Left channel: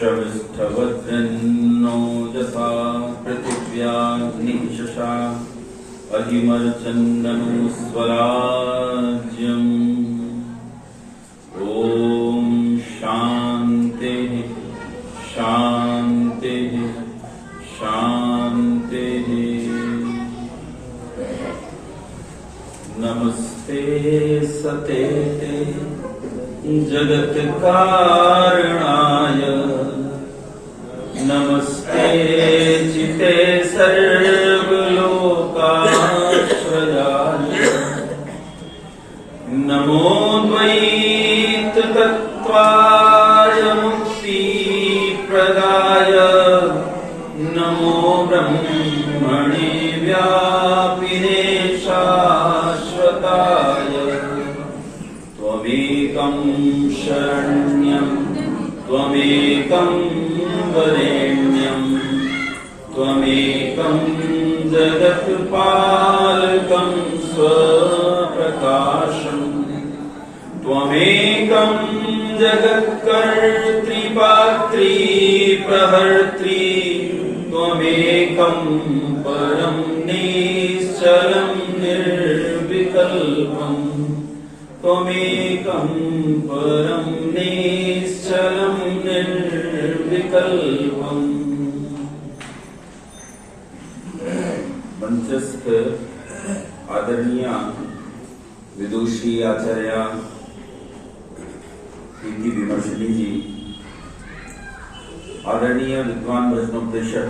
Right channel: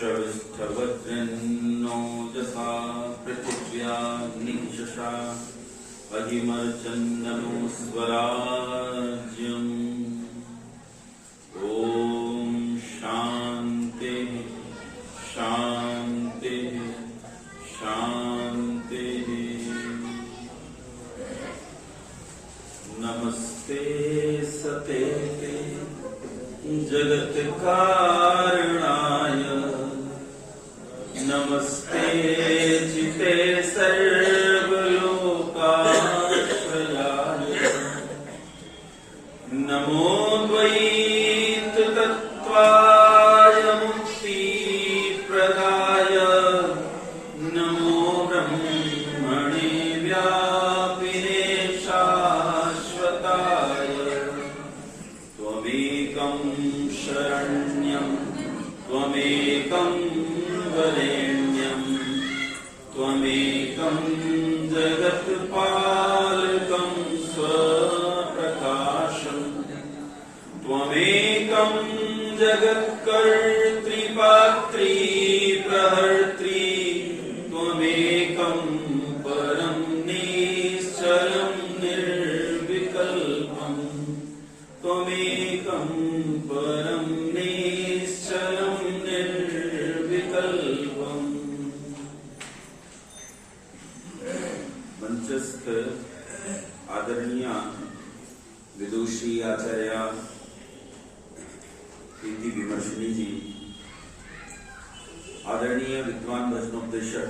श्रविष्ठवद्रन्नो यथा पृथिव्या निशशा अधिमर्चन्दनो स्वराज्यम्। ॐ शान्तिः शान्तिः शान्तिः। नमस्ते सते जगत्कारणाय, नमस्ते चिते सर्वलोकाश्रयाय, नमो द्वैततत्त्वाय मुक्तिप्रदाय, नमो ब्रह्मणे व्यापिने शाश्वताय। त्वमेकं शरण्यं त्वमेकं वरेण्यं त्वमेकं जगत्पालकं स्वप्रकाशम्। त्वमेकं जगत्कर्त्री पात्री प्रहर्त्री, त्वमेकं परं निश्चलं निर्विकल्पम्, त्वमेकं परं निश्चलं निर्विकल्पम्। मंचस्थ आदरणीय विदुषी आचार्य प्रीति विमर्शनी जी, आदरणीय विद्वान भजनोपदेशक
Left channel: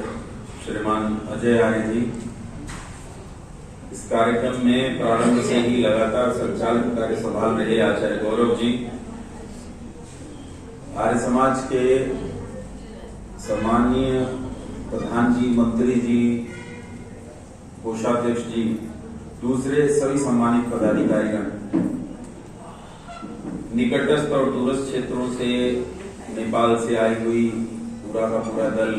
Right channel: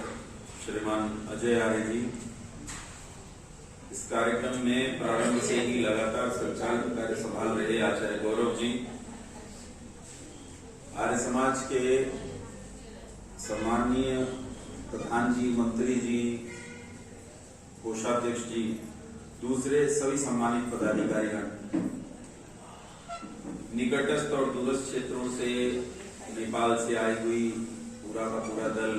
श्रीमान अजय आर्य जी, इस कार्यक्रम में प्रारंभ से ही लगातार संचालन कार्य संभाल रहे आचार्य गौरव जी, आर्य समाज के सम्माननीय प्रधान जी, मंत्री जी, कोषाध्यक्ष जी, दूसरे सभी सम्मानित पदाधिकारीगण, निकटस्थ और दूरस्थ क्षेत्रों से, नेपाल से आई हुई पूरा का पूरा दल,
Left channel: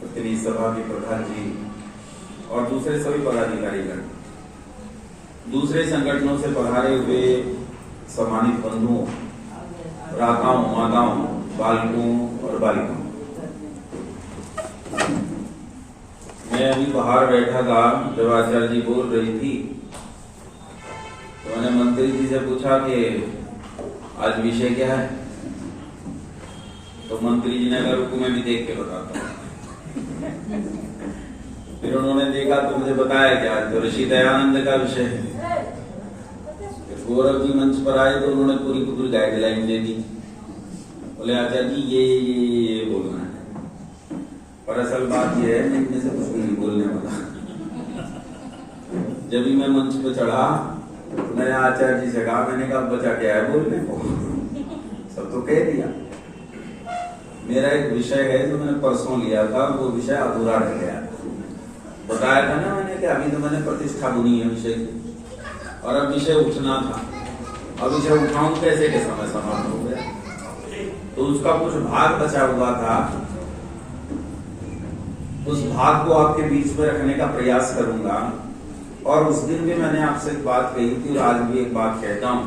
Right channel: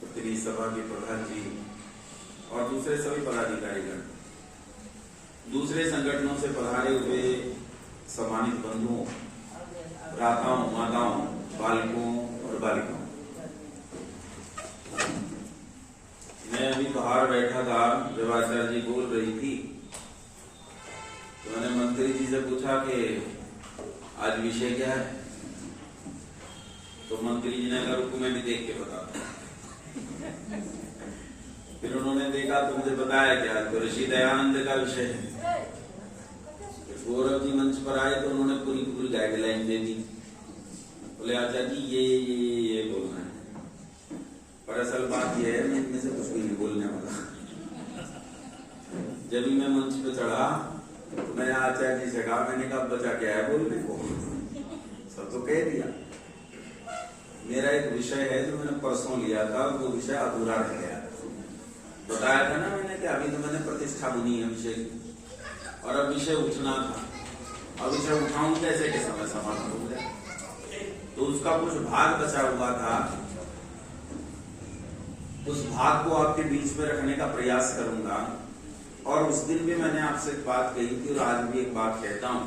प्रतिनिधि सभा के प्रधान जी और दूसरे सभी पदाधिकारीगण, दूसरे संगठनों से पधारे हुए सम्मानित बंधुओं, भ्राताओं, माताओं, बालकों और बालिकाओं। मैं अभी बाहर बैठा था, जब आचार्य जी बोल रही थी तो मैंने मंत्री जी से पूछा कि आज विषय क्या है, तो मंत्री जी ने कहा रुको मैं भी देख के बताता हूँ। फिर उन्होंने देखा तो मुझे बताया कि आज तो ऋषि दयानंद का विषय है। गौरव जी मंच पर आए तो उन्होंने पूरी गाइडलाइन दे दी, बोले आचार्य जी ये बोलना है। पर असल बात यह है मैं इनमें से कुछ भी नहीं बोलने वाला। जब भी मैं मंच पे चढ़ा मैंने आचार्य जी से कहा, मैंने कहा बचा क्या है बोलने को, सब तो कह दिया। मेरा एक विषय है जो मैंने परसों लिया था, वो विषय अधूरा रह गया। बताया था ना मैंने कि अभी तो मैंने प्रतिष्ठा बुनी है विषय की, और अब विषय उठना था। अब विषय उठाऊं कैसे के समय समाप्त हो गया, तो उसका कुछ भाग बचा हुआ था, उस भाग को आपके बीच में रखने का प्रयास करूंगा। और उस दिन भी मैंने आपसे एक बात कही थी और आज भी एक बात कहता हूं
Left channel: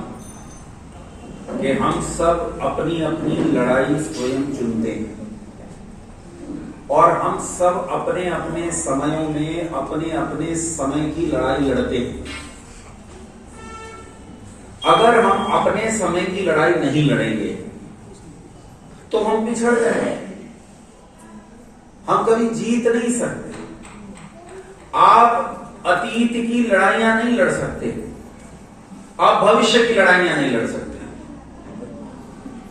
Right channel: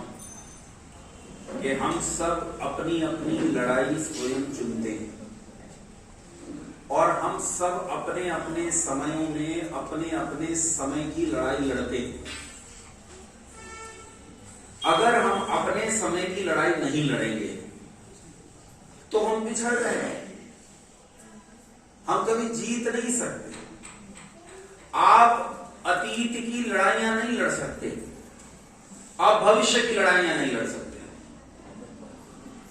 कि हम सब अपनी अपनी लड़ाई स्वयं चुनते हैं और हम सब अपने अपने समयों में अपने अपने समय की लड़ाई लड़ते हैं। अगर हम अपने समय की लड़ाई नहीं लड़ेंगे तो हम पिछड़ जाएंगे, हम कभी जीत नहीं सकते। आप अतीत की लड़ाइयां नहीं लड़ सकते, आप भविष्य की लड़ाइयां नहीं लड़ सकते।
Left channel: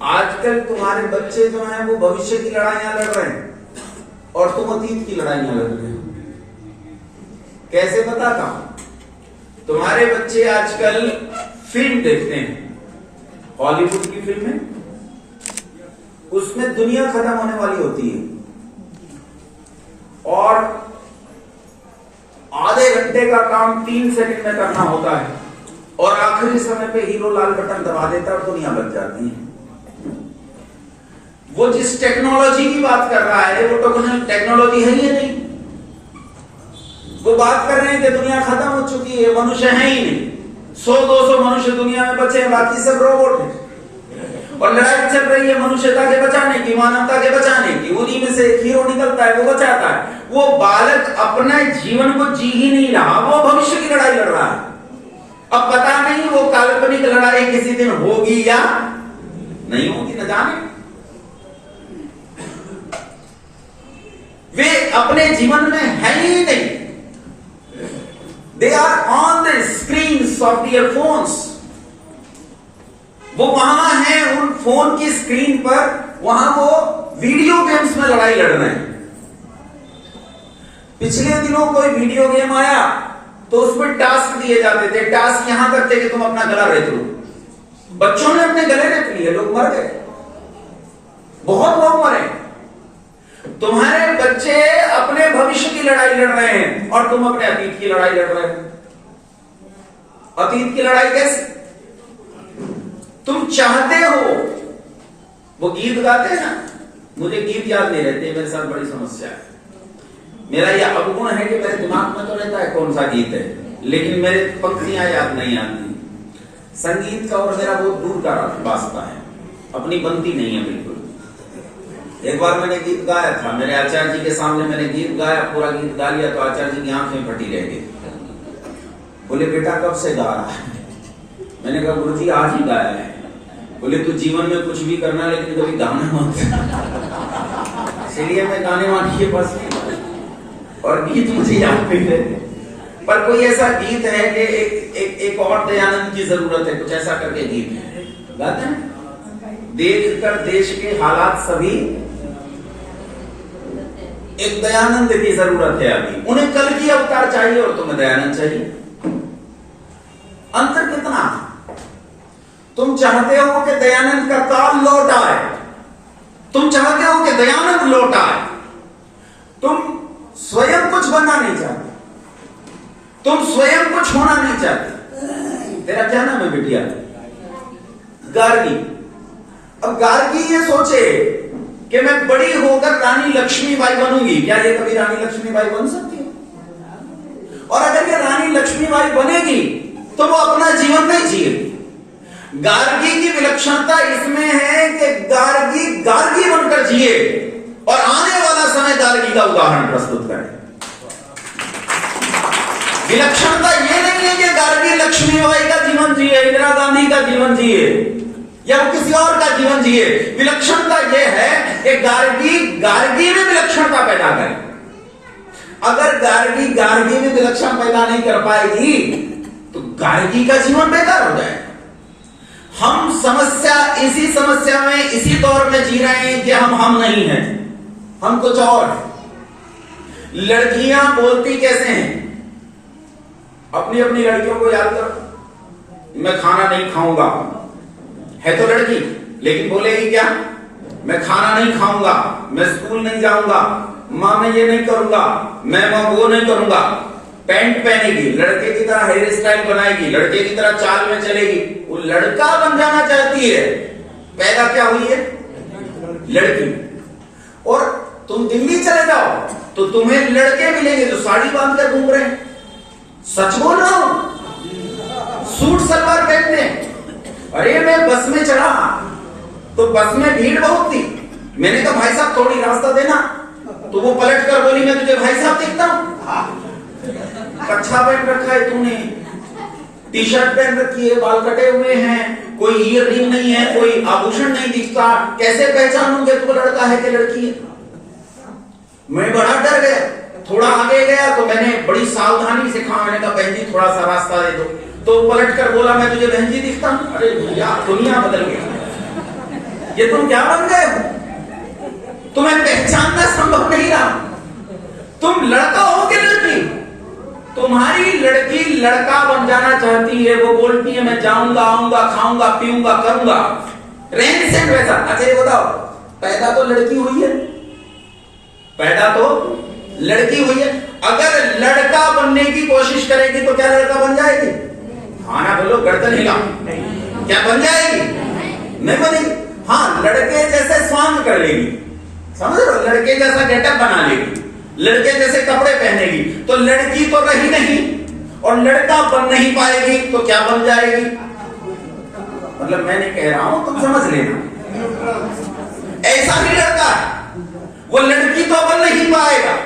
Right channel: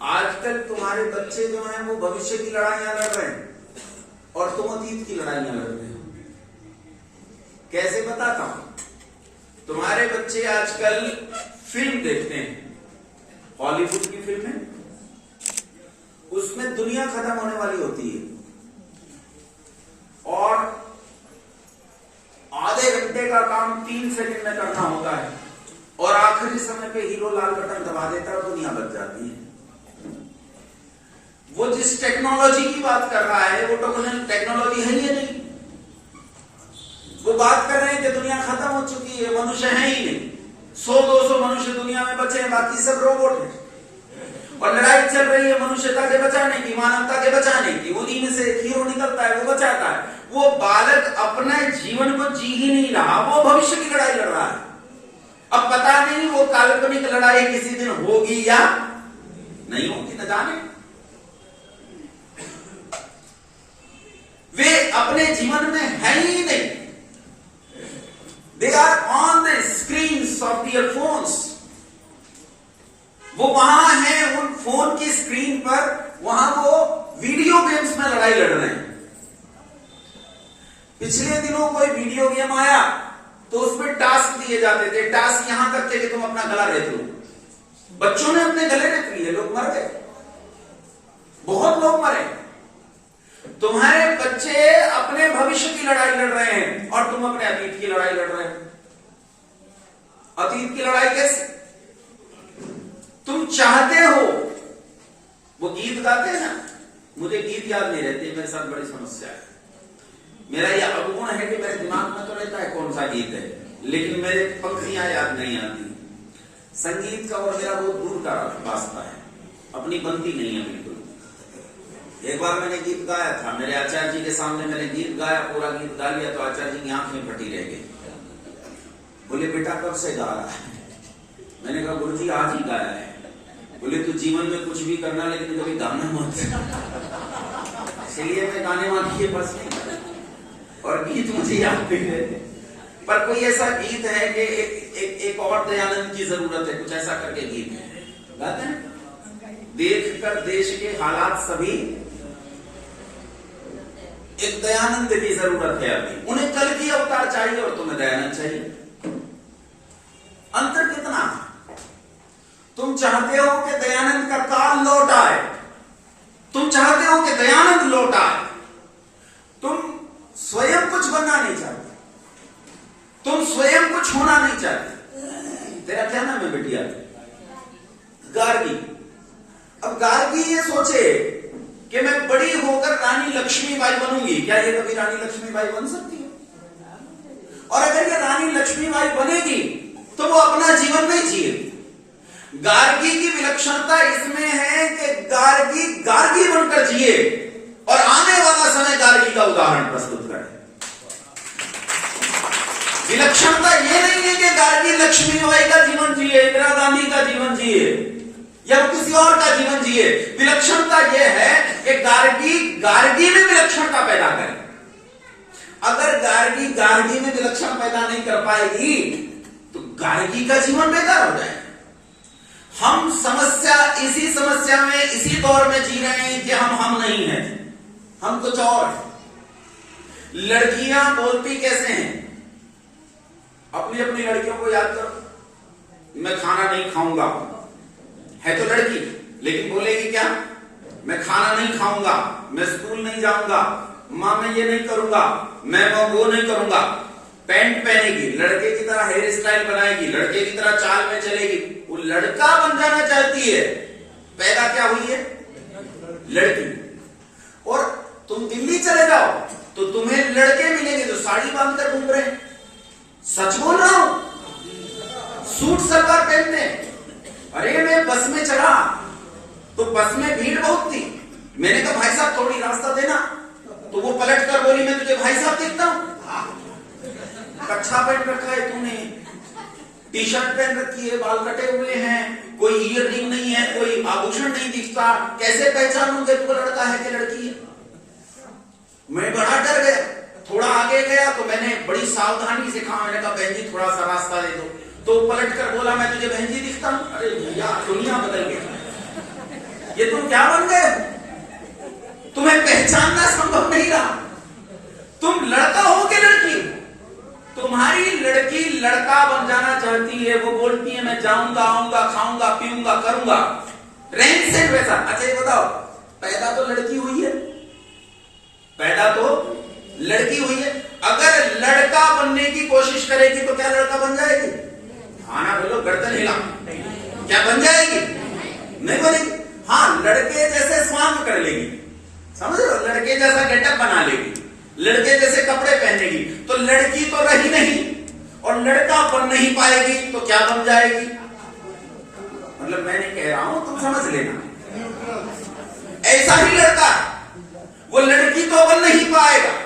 आजकल तुम्हारे बच्चे जो हैं वो भविष्य की लड़ाइयां लड़ रहे हैं और तुम अतीत की लड़ाइयां लड़ रहे हो। कैसे बताता हूं, तुम्हारे बच्चे आजकल फिल्म देखते हैं, हॉलीवुड की फिल्में, उसमें दुनिया खत्म होने वाली होती है और आधे घंटे का काम 3 सेकंड में करना होता है और आखिरी समय पे हीरो लाल बटन दबा देता है और दुनिया बच जाती है। वो जिस टेक्नोलॉजी की बात कर रहा है वो तो टेक्नोलॉजी है ही नहीं। वो बात कर रहे हैं कि दुनिया खत्म हो चुकी है, मनुष्य है ही नहीं, 100-200 मनुष्य दुनिया में बचे हैं, बाकी सब रोबोट है। और लड़ाई चल रही है मनुष्यता के बचाने की, मानवता के बचाने की। उन्हीं में से एक हीरो निकलता है, वो बचाता है। वो बालक अपने जीवन को जी ही नहीं रहा, वो भविष्य की लड़ाई लड़ रहा है। अब पता नहीं वो काल्पनिक लड़ाई किसी दिन होगी या नहीं होगी, न जाने। वे अपने जीवन में है ही नहीं। They are on the screens of their phones. वो वहां है उन फोन की स्क्रीन पर, वहां वो वीडियो गेम्स में लड़ाई लड़ रहे हैं। पिछले दिनों कोई वीडियो गेम आया तो उसमें टास्क दिए जाते थे। टास्क यहां तक थे कि तुम अपना गला रेत लो। बच्चों ने अपने गले रेत लिए, लोग मर गए, बहुत लोग मरे। तुम्हारे बच्चे अपने भविष्य की लड़ाई लड़ रहे हैं और तुम अपने अतीत की लड़ाई लड़ रहे हो। अतीत की लड़ाई कैसे? तुम चाहते हो, वो गीत गाते हैं ना, मुझे गीत याद नहीं रहते, मेरे साथ बड़ी समस्या है। मेरा यह अवगुण है कि मेरे दिमाग में तो रहता है कौन सा गीत है, लेकिन मेरे पंक्तियां याद नहीं आती। संगीत का और मेरा बहुत दूर का वास्ता है, अपनी बनती नहीं है बिल्कुल। एक बार मैंने गीत गाया था, मेरे आचार्य जी के सामने मैंने गीत गाया, पूरा गीत गा लिया तो आचार्य जी की आंखें फटी रह गई। बोले बेटा कब से गा रहा है? मैंने कहा गुरुजी आज ही गाया है। बोले तू जीवन में कुछ भी करना लेकिन कभी गाना मत। इसलिए मैं गाने वाली के पास नहीं, और गीत मुझे याद नहीं रहते। पर कोई ऐसा गीत है कि एक और दयानंद की जरूरत है, कुछ ऐसा करके गीत है, गाते हैं। देख कर देश के हालात सभी, एक दयानंद की जरूरत है अभी। उन्हें कल की अवतार चाहिए और तुम्हें दयानंद चाहिए। अंतर कितना? तुम चाहते हो कि दयानंद का काल लौट आए, तुम चाहते हो कि दयानंद लौट आए। तुम स्वयं कुछ बनना नहीं चाहते, तुम स्वयं कुछ होना नहीं चाहते। तेरा क्या नाम है बिटिया? गार्गी। अब गार्गी ये सोचे कि मैं बड़ी होकर रानी लक्ष्मीबाई बनूंगी। क्या ये कभी रानी लक्ष्मीबाई बन सकती है? और अगर ये रानी लक्ष्मीबाई बनेगी तो वो अपना जीवन नहीं जिएगी। गार्गी की विलक्षणता इसमें है कि गार्गी गार्गी बनकर जिए और आने वाला समय गार्गी का उदाहरण प्रस्तुत करे। विलक्षणता यह नहीं है कि गार्गी लक्ष्मीबाई का जीवन जिए, इंदिरा गांधी का जीवन जिए या वो किसी और का जीवन जिए। विलक्षणता यह है कि गार्गी में विलक्षणता पैदा करे। अगर गार्गी गार्गी में विलक्षण पैदा नहीं कर पाएगी तो गार्गी का जीवन बेकार हो जाएगा। हम इसी समस्या में, इसी दौर में जी रहे हैं कि हम नहीं हैं, हम कुछ और हैं। लड़कियां बोलती कैसे हैं? अपनी अपनी लड़कियों को याद करो। मैं खाना नहीं खाऊंगा, है तो लड़की, लेकिन बोलेगी क्या? मैं खाना नहीं खाऊंगा, मैं स्कूल नहीं जाऊंगा, मां मैं ये नहीं करूंगा, मैं वो नहीं करूंगा। पैंट पहनेगी, लड़के की तरह हेयर स्टाइल बनाएगी, लड़के की तरह चाल में चलेगी। वो लड़का बन जाना चाहती है। पैदा क्या हुई है? लड़की। और तुम दिल्ली चले जाओ तो तुम्हें लड़के मिलेंगे जो साड़ी बांध कर घूम रहे हैं। सच बोल रहा हूं, सूट सलवार पहनते हैं। अरे मैं बस में चढ़ा तो बस में भीड़ बहुत थी। मैंने कहा भाई साहब थोड़ी रास्ता देना, तो वो पलट कर बोली मैं तुझे भाई साहब दिखता हूं? कच्छा पहन रखा है तूने, टी शर्ट पहन रखी है, बाल कटे हुए हैं, कोई ईयर रिंग नहीं है, कोई आभूषण नहीं दिखता, कैसे पहचानूंगे तू लड़का है कि लड़की है? मैं बड़ा डर गया। थोड़ा आगे गया तो मैंने बड़ी सावधानी से कहा, मैंने कहा बहन जी थोड़ा सा रास्ता दे दो। तो पलट कर बोला मैं तुझे बहन जी दिखता हूं? अरे भैया दुनिया बदल गई। ये तुम क्या बन गए? तुम्हें पहचानना संभव नहीं रहा। तुम लड़का हो कि लड़की? तुम्हारी लड़की लड़का बन जाना चाहती है। वो बोलती है मैं जाऊंगा, आऊंगा, खाऊंगा, पीऊंगा, करूंगा, रहन सहन वैसा। अच्छा ये बताओ, पैदा तो लड़की हुई है, पैदा तो लड़की हुई है। अगर लड़का बनने की कोशिश करेगी तो क्या लड़का बन जाएगी? खाना बोलो, गर्दन हिला, क्या बन जाएगी? नहीं बनेगी। हाँ, लड़के जैसे स्वांग कर लेगी, समझ लो, लड़के जैसा गेटअप बना लेगी, लड़के जैसे कपड़े पहनेगी। तो लड़की तो रही नहीं और लड़का बन नहीं पाएगी तो क्या बन जाएगी? मतलब मैं नहीं कह रहा हूं, तुम समझ लेना। ऐसा ही लड़का, वो लड़की तो बन नहीं पाएगा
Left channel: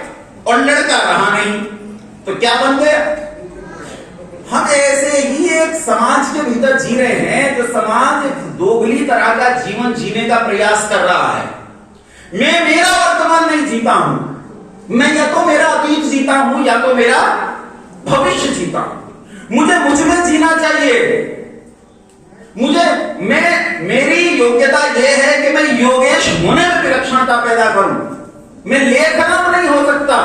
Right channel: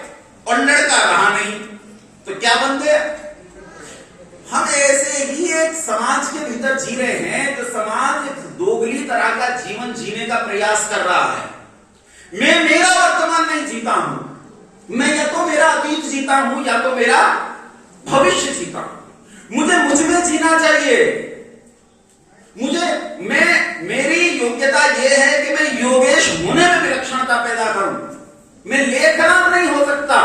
और लड़का रहा नहीं तो क्या बन गया। हम ऐसे ही एक समाज के भीतर जी रहे हैं, जो समाज एक दोगली तरह का जीवन जीने का प्रयास कर रहा है। मैं मेरा वर्तमान नहीं जीता हूं, मैं या तो मेरा अतीत जीता हूं या तो मेरा भविष्य जीता हूं। मुझे मुझ में जीना चाहिए। मेरी योग्यता यह है कि मैं योगेश होने में विलक्षणता पैदा करूं। मैं लेखराम नहीं हो सकता।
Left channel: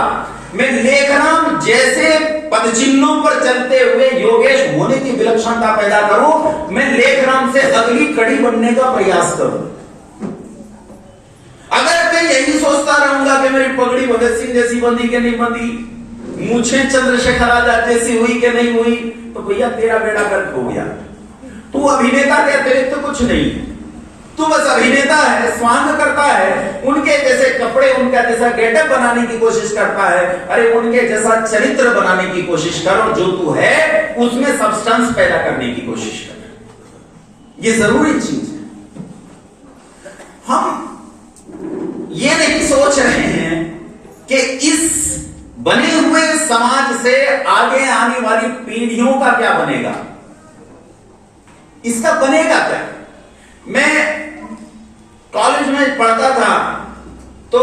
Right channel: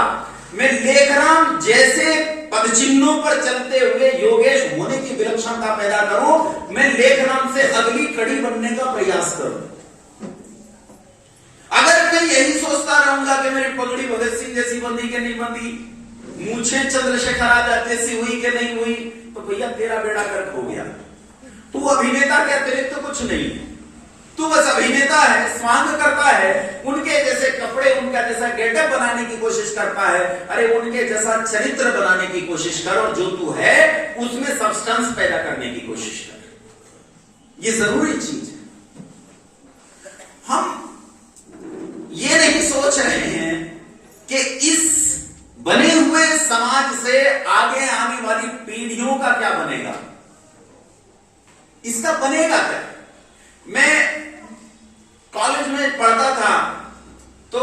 मैं लेखराम जैसे पदचिन्हों पर चलते हुए योगेश होने की विलक्षणता पैदा करूं। मैं लेखराम से अगली कड़ी बनने का प्रयास करूं। अगर मैं यही सोचता रहूंगा कि मेरी पगड़ी भगत सिंह जैसी बंधी कि नहीं बंधी, मुझे चंद्रशेखर आजाद जैसी हुई कि नहीं हुई, तो भैया तेरा बेड़ा गर्क हो गया। तू अभिनेता के अतिरिक्त तो कुछ नहीं, तू बस अभिनेता है, स्वांग करता है, उनके जैसे कपड़े, उनका जैसा गेटअप बनाने की कोशिश करता है। अरे उनके जैसा चरित्र बनाने की कोशिश कर, और जो तू है उसमें सब्सटेंस पैदा करने की कोशिश कर। ये जरूरी चीज है। हम ये नहीं सोच रहे हैं कि इस बने हुए समाज से आगे आने वाली पीढ़ियों का क्या बनेगा, इसका बनेगा क्या। मैं कॉलेज में पढ़ता था तो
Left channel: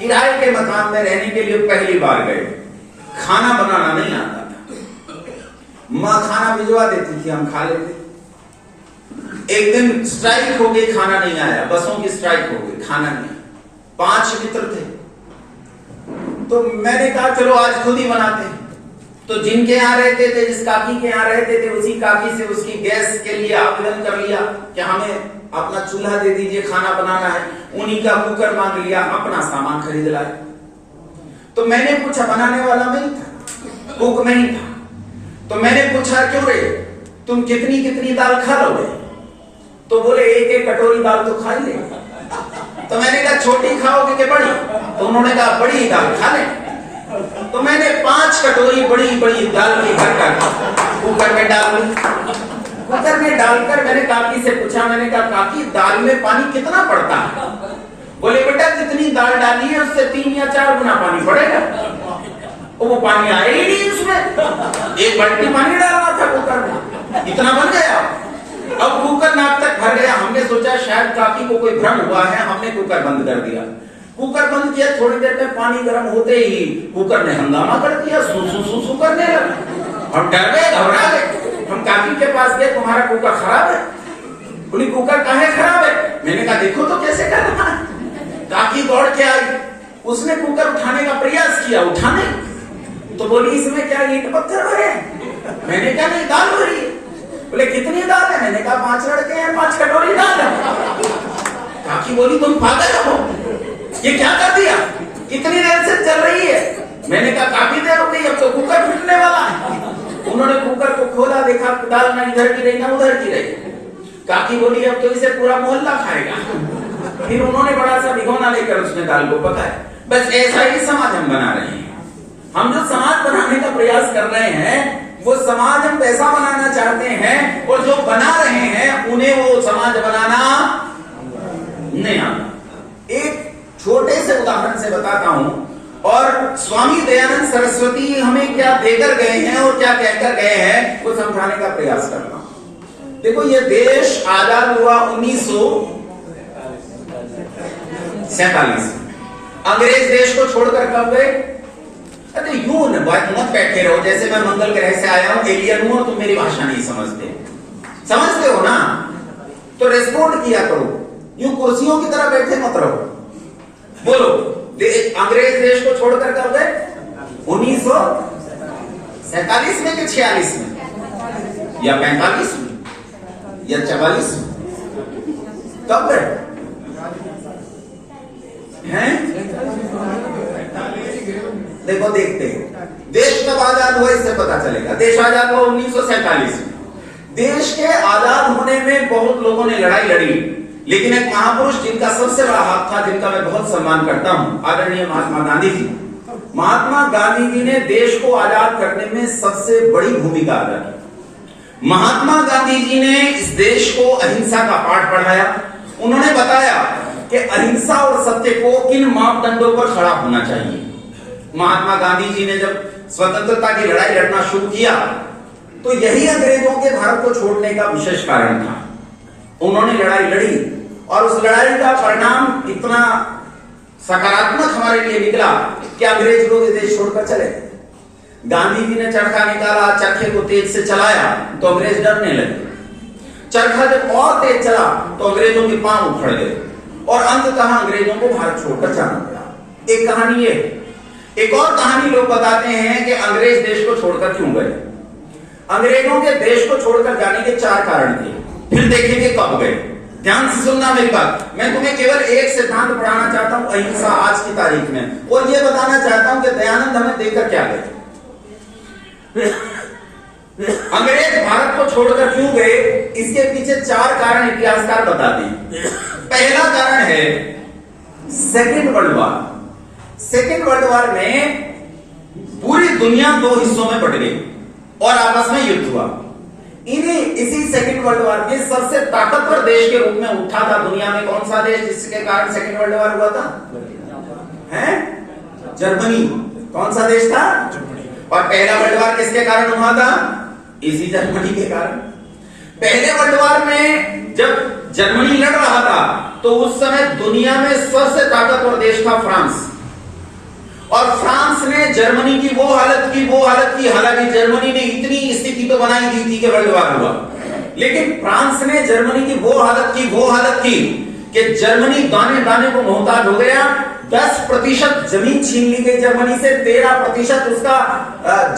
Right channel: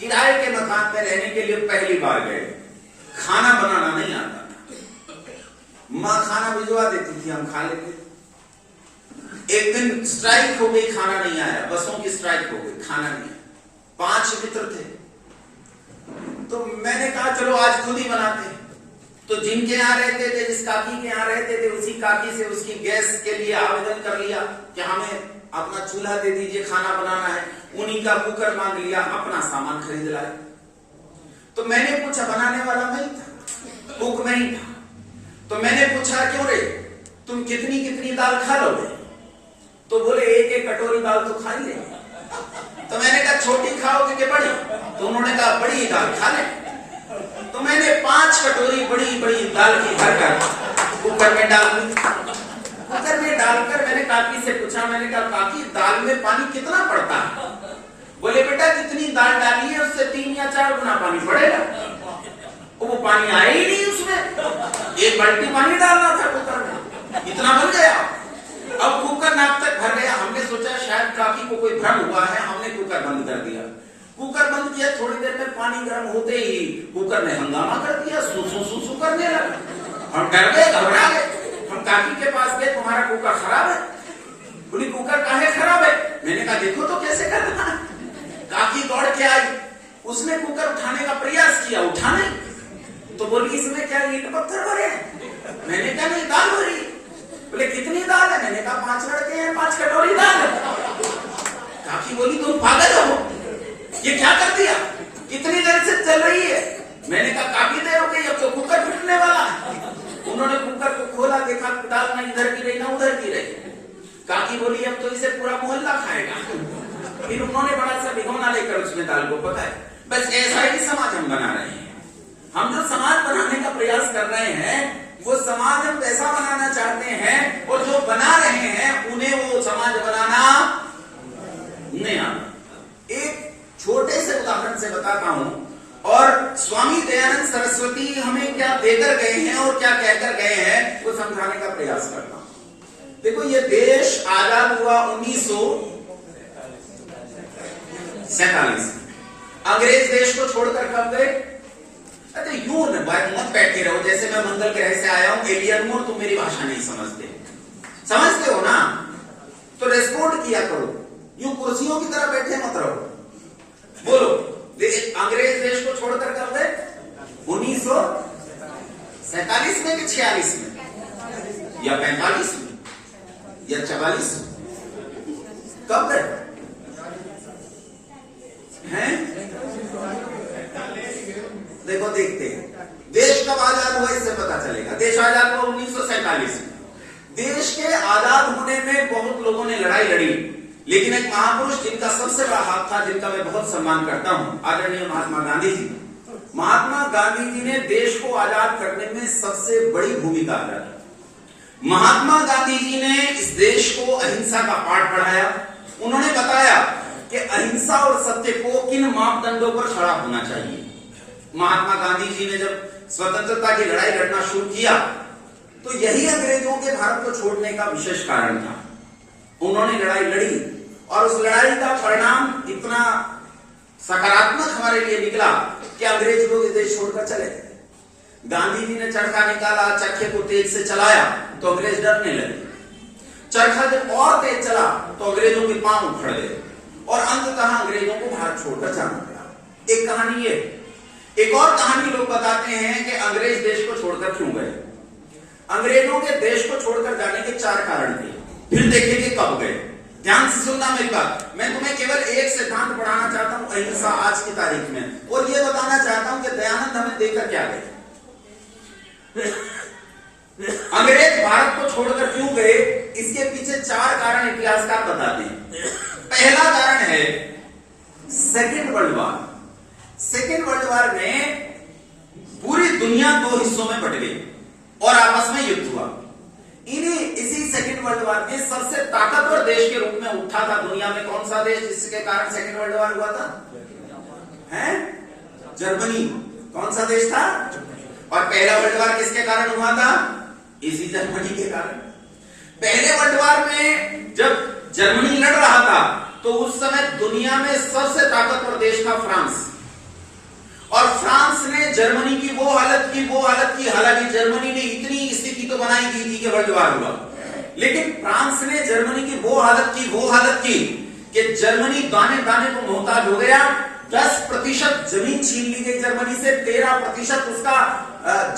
किराए के मकान में रहने के लिए पहली बार गए। खाना बनाना नहीं आता था, मां खाना भिजवा देती थी, हम खा लेते। एक दिन स्ट्राइक हो गई, खाना नहीं आया, बसों की स्ट्राइक हो गई, खाना नहीं आया। 5 मित्र थे तो मैंने कहा चलो आज खुद ही बनाते हैं। तो जिनके यहाँ रहते थे, जिस काकी के यहाँ रहते थे, उसी काकी से उसकी गैस के लिए आवेदन कर लिया कि हमें अपना चूल्हा दे दीजिए, खाना बनाना है। उन्हीं का कुकर मांग लिया, अपना सामान खरीद लाए। तो मैंने पूछा, बनाने वाला मैं था, कुक मैं ही था। तो मैंने पूछा क्यों रे, तुम कितनी कितनी दाल खा लोगे? तो बोले 1-1 कटोरी दाल तो खा ले। तो मैंने कहा छोटी खाओगे कि बड़ी? तो उन्होंने कहा बड़ी दाल खा ले। तो मैंने 5 कटोरी बड़ी बड़ी दाल की भरकर कुकर में डाल दी। कुकर में डालकर मैंने काकी से पूछा, मैंने कहा काकी दाल में पानी कितना पड़ता है? बोले बेटा जितनी दाल डाली है उससे 3 या 4 गुना पानी पड़ेगा। वो पानी आया ही नहीं उसमें, 1 बाल्टी पानी डालना था कुकर में, इतना बन गया। अब कुकर नाक तक भर गया। हमने सोचा शायद काकी को कोई भ्रम हुआ है, हमने कुकर बंद कर दिया। कुकर बंद किया, थोड़ी देर में पानी गर्म होते ही कुकर ने हंगामा कर दिया, सू करने लगा। हम डर गए, घबरा गए। हम काकी के पास गए, तुम्हारा कुकर खराब है। बोली कुकर काहे खराब है? मैंने कहा देखो तो कैसे कर रहा है। काकी दौड़ के आई, उसने कुकर उठाने का प्रयास किया, उठाने तो बोली इसमें क्या ईंट पत्थर भरे? मैंने कहा नहीं, दाल भरी। बोले कितनी दाल है? मैंने कहा 5 लड़के हैं, 5 कटोरी दाल है। काकी बोली तुम पागल हो, ये क्या कर दिया? कितनी देर से चल रही है? मैंने कहा काफी देर हो गई, अब तो कुकर फूटने वाला है। उन्होंने कुकर को खोला, देखा दाल ना इधर की रही ना उधर की रही। काकी बोली अब तो इसे पूरा मोहल्ला खाएगा। फिर उन्होंने बड़ा सा भिगोना लेकर उसमें दाल को पकाया। बस ऐसा ही समाज हम बना रहे हैं। हम जो समाज बनाने का प्रयास कर रहे हैं वो समाज हम वैसा बनाना चाहते हैं, और जो बना रहे हैं उन्हें वो समाज बनाना नहीं आता। एक छोटे से उदाहरण से बताता हूं, और स्वामी दयानंद सरस्वती हमें क्या देकर गए हैं और क्या कहकर गए हैं वो समझाने का प्रयास करता हूं। देखो ये देश आजाद हुआ 1947 में। अंग्रेज देश को छोड़कर कब गए? अरे यूं न बात मत बैठे रहो जैसे मैं मंगल ग्रह से आया हूं, एलियन हूं, तुम मेरी भाषा नहीं समझते हो ना, तो रेस्पोंड किया करो। यूं कुर्सियों की तरह बैठे मत रहो। बोलो अंग्रेज देश को छोड़कर कब गए? 1947 में कि 46 में या 45 में या 44 में? कब गए हैं? देखो देखते हैं देश कब आजाद हुआ, इससे पता चलेगा। देश आजाद हुआ 1947 में। देश के आजाद होने में बहुत लोगों ने लड़ाई लड़ी, लेकिन एक महापुरुष जिनका सबसे बड़ा हाथ था, जिनका मैं बहुत सम्मान करता हूं, आदरणीय महात्मा गांधी जी। महात्मा गांधी जी ने देश को आजाद करने में सबसे बड़ी भूमिका अदा की। महात्मा गांधी जी ने इस देश को अहिंसा का पाठ पढ़ाया। उन्होंने बताया कि अहिंसा और सत्य को किन मापदंडों पर खड़ा होना चाहिए। महात्मा गांधी जी ने जब स्वतंत्रता की लड़ाई लड़ना शुरू किया तो यही अंग्रेजों के भारत को छोड़ने का विशेष कारण था। उन्होंने लड़ाई लड़ी और उस लड़ाई का परिणाम इतना सकारात्मक हमारे लिए निकला कि अंग्रेज लोग देश छोड़कर चले। गांधी जी ने चरखा निकाला, चरखे को तेज से चलाया तो अंग्रेज डरने लगे। चरखा जब और तेज चला तो अंग्रेजों के पांव उखड़ गए और अंततः अंग्रेजों को भारत छोड़कर जाना पड़ा। एक कहानी है। एक और कहानी लोग बताते हैं कि अंग्रेज देश को छोड़कर क्यों गए। अंग्रेजों के देश को छोड़कर जाने के 4 कारण थे। फिर देखेंगे कब गए। ध्यान से सुनना मेरी बात। मैं तुम्हें केवल एक सिद्धांत पढ़ाना चाहता हूं अहिंसा आज की तारीख में, और यह बताना चाहता हूं कि दयानंद हमें देकर क्या गए। अंग्रेज भारत को छोड़कर क्यों गए, इसके पीछे 4 कारण इतिहासकार बताते हैं। पहला कारण है second world war. Second world war में पूरी दुनिया 2 हिस्सों में बट गई और आपस में युद्ध हुआ। इसी सेकेंड वर्ल्ड वॉर के सबसे ताकतवर देश के रूप में उठा था दुनिया में कौन सा देश जिसके कारण सेकेंड वर्ल्ड वॉर हुआ था? है जर्मनी। कौन सा देश था? और पहला वर्ल्ड वॉर किसके कारण हुआ था? इसी जर्मनी के कारण। पहले वर्ल्ड वॉर में जब जर्मनी लड़ रहा था तो उस समय दुनिया में सबसे ताकतवर देश था फ्रांस, और फ्रांस ने जर्मनी की वो हालत की, हालांकि जर्मनी ने इतनी स्थिति तो बनाई दी थी कि वर्ल्ड वॉर हुआ, लेकिन फ्रांस ने जर्मनी की वो हालत की कि जर्मनी दाने दाने को मोहताज हो गया। 10% जमीन छीन ली गई जर्मनी से, 13% उसका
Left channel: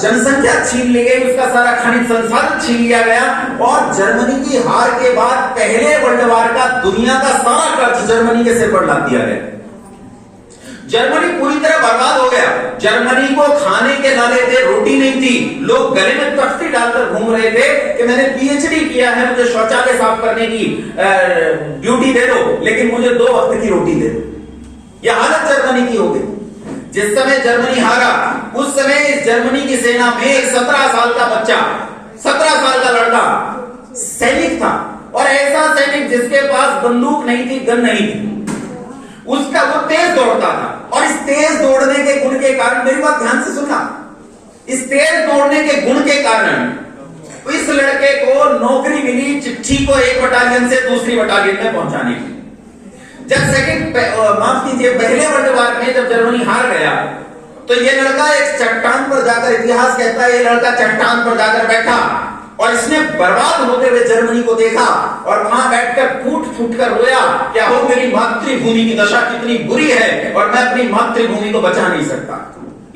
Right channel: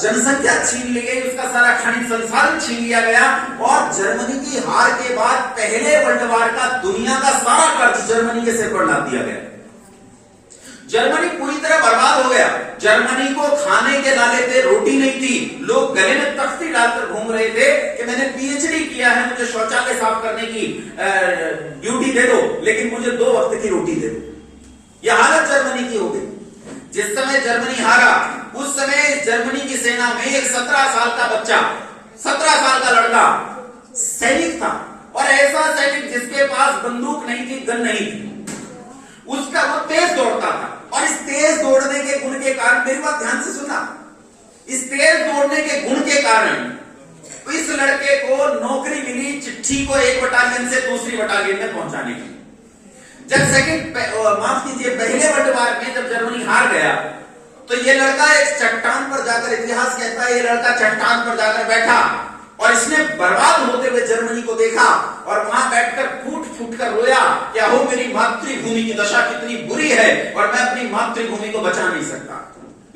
जनसंख्या छीन ली गई, उसका सारा खनिज संसाधन छीन लिया गया, और जर्मनी की हार के बाद पहले वर्ल्ड वॉर का दुनिया का सारा कर्ज जर्मनी के सिर पर लाद दिया गया। जर्मनी पूरी तरह बर्बाद हो गया। जर्मनी को खाने के नाले थे, रोटी नहीं थी। लोग गले में तख्ती डालकर घूम रहे थे कि मैंने पीएचडी किया है, मुझे शौचालय साफ करने की ड्यूटी दे दो, लेकिन मुझे 2 वक्त की रोटी दे दो। यह हालत जर्मनी की हो गई। जिस समय जर्मनी हारा उस समय इस जर्मनी की सेना में एक 17 साल का बच्चा, 17 साल का लड़का सैनिक था, और ऐसा सैनिक जिसके पास बंदूक नहीं थी, गन नहीं थी, उसका वो तेज दौड़ता था। और इस तेज दौड़ने के गुण के कारण, मेरी बात ध्यान से सुनना, इस तेज दौड़ने के गुण के कारण इस लड़के को नौकरी मिली चिट्ठी को एक बटालियन से दूसरी बटालियन में पहुंचाने की। जब पहले वर्ल्ड वॉर में जब जर्मनी हार गया तो ये लड़का एक चट्टान पर जाकर, इतिहास कहता है ये लड़का चट्टान पर जाकर बैठा और इसने बर्बाद होते हुए जर्मनी को देखा और वहां बैठकर फूट कर रोया, क्या हो मेरी मातृभूमि की दशा कितनी बुरी है और मैं अपनी मातृभूमि को बचा नहीं सकता।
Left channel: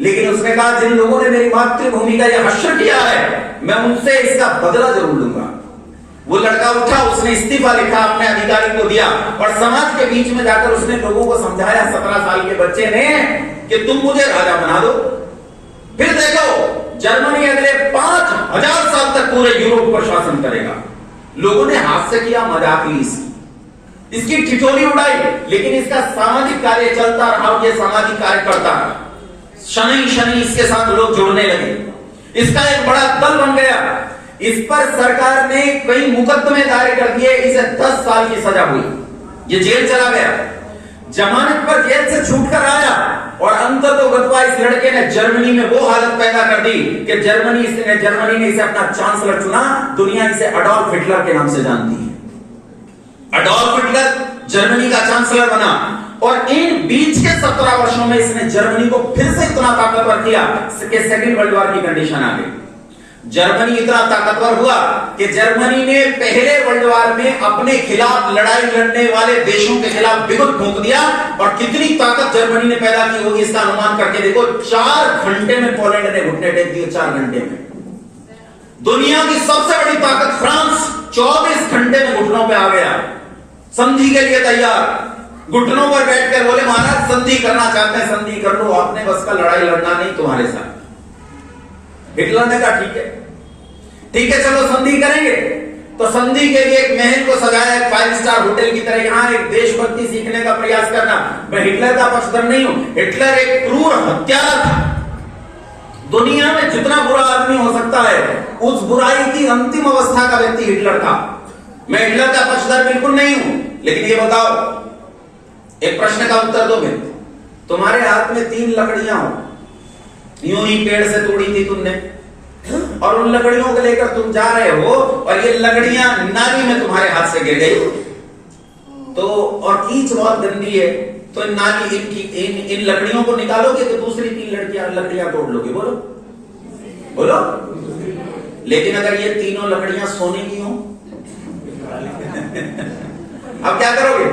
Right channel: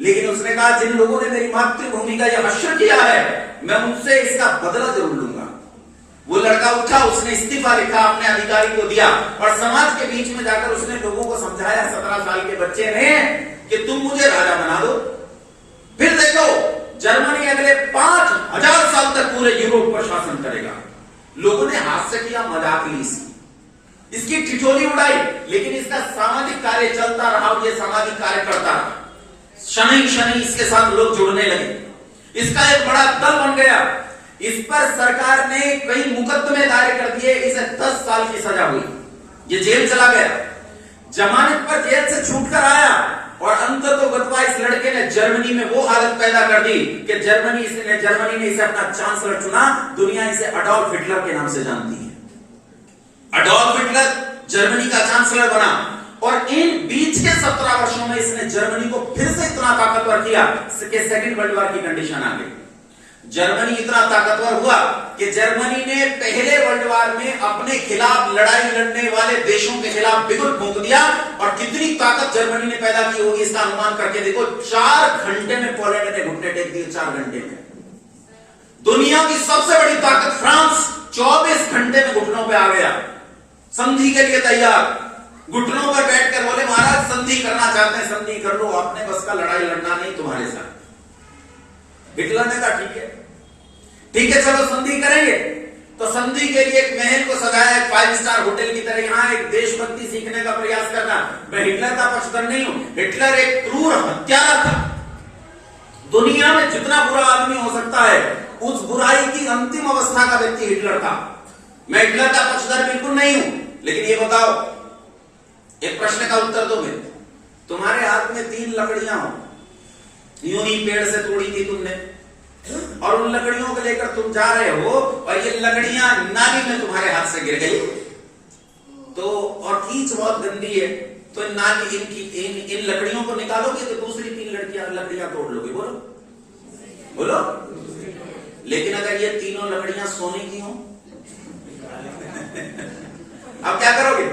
लेकिन उसने कहा जिन लोगों ने मेरी मातृभूमि का यह हश्र किया है मैं उनसे इसका बदला जरूर लूंगा। वो लड़का उठा, उसने इस्तीफा लिखा, अपने अधिकारी को दिया और समाज के बीच में जाकर उसने लोगों को समझाया, 17 साल के बच्चे ने, कि तुम मुझे राजा बना दो, फिर देखो जर्मनी अगले 5000 साल तक पूरे यूरोप पर शासन करेगा। लोगों ने हाथ से किया, मजाक ली इसकी ठिठोली उड़ाई, लेकिन इसका सामाजिक कार्य चलता रहा, ये सामाजिक कार्य करता रहा। शनि शनि इसके साथ लोग जुड़ने लगे, इसका एक बड़ा दल बन गया। इस पर सरकार ने कई मुकदमे दायर कर दिए, इसे 10 साल की सजा हुई, ये जेल चला गया। जमानत पर जेल से छूटकर आया और अंततोगत्वा इस लड़के ने जर्मनी में वो हालत पैदा कर दी कि जर्मनी ने इसे अपना चांसलर चुना। दुनिया इसे अडॉल्फ हिटलर के नाम से जानती है। अडॉल्फ हिटलर जर्मनी का चांसलर बना और इन बीच के 17 वर्षों में इसने जर्मनी को फिर से इतना ताकतवर किया कि सेकेंड वर्ल्ड वॉर की कंडीशन आ गई। जर्मनी इतना ताकतवर हुआ कि जर्मनी ने पहले वर्ल्ड वॉर में अपने खिलाफ लड़ाई लड़ने वाले देशों के खिलाफ बिगुल फूंक दिया। और कितनी ताकत जर्मनी ने पैदा की होगी इसका अनुमान करके देखो। 4 घंटे में पोलैंड ने घुटने टेक दिए, 4 घंटे में। दुनिया की सबसे बड़ी ताकत फ्रांस 24 घंटे में घुटनों पे आ गया, संधि के लिए तैयार। घुटनों पर बैठकर बोले महाराज संधि करना चाहते हैं, संधि कर लो, आपने बस का लड़ाई लड़ना नहीं तुम्हारे साथ। हिटलर ने कहा ठीक है चलो संधि करेंगे। तो संधि के लिए एक महल को सजाया, एक 5 स्टार होटल की तरह, यहां एक देशभक्ति सीखने का प्रयास करना। मैं हिटलर का पक्षधर नहीं हूं, हिटलर एक क्रूर हत्यारा था, दुनिया में जितना बुरा आदमी हो सकता है, उस बुराई की अंतिम अवस्था का व्यक्ति हिटलर था। मैं हिटलर का पक्षधर बिल्कुल नहीं हूं, लेकिन ये बताओ, एक प्रश्न का उत्तर दो भाई। तुम्हारे हाथ में 3 लकड़ियां हो, यूं ही पेड़ से तोड़ी थी तुमने, और उन लकड़ियों को लेकर तुम जा रहे हो, और ये लकड़ियां नाली में तुम्हारे हाथ से गिर गई तो, और कीच बहुत गंदी है, तो नाली इन लकड़ियों को निकालोगे कि दूसरी 3 लकड़ियां तोड़ लोगे? बोलो बोलो। लेकिन अगर ये तीनों लकड़ियां सोने की हो अब क्या करोगे?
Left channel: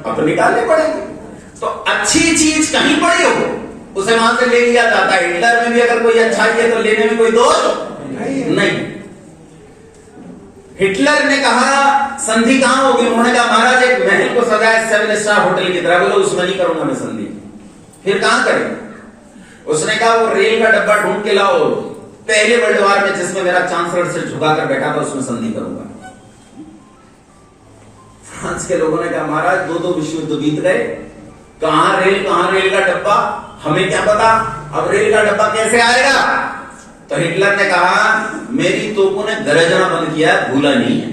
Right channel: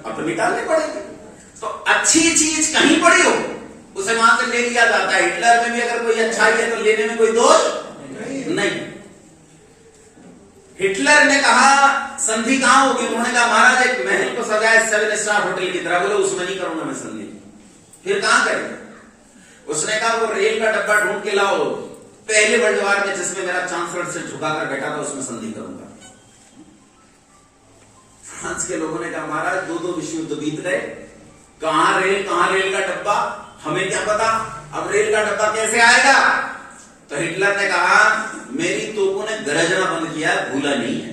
अब तो निकालने पड़ेगी। तो अच्छी चीज कहीं पड़ी हो उसे वहां से ले लिया जाता है। हिटलर में भी अगर कोई अच्छाई है तो लेने में कोई दोष नहीं। हिटलर ने कहा संधि कहां होगी? उन्होंने कहा महाराज एक महल को सजाए 7 स्टार होटल की तरह। बोलो उसमें नहीं करूंगा मैं संधि। फिर कहां करेंगे? उसने कहा वो रेल का डब्बा ढूंढ के लाओ, पहले वर्ल्ड वॉर में जिसमें मेरा चांसलर से झुकाकर बैठा था उसमें संधि करूंगा। फ्रांस के लोगों ने कहा महाराज 2 विश्व युद्ध बीत गए, कहां रेल का डब्बा, हमें क्या पता अब रेल का डब्बा कैसे आएगा? तो हिटलर ने कहा मेरी तोपों ने गरजना बंद किया, भूला नहीं है,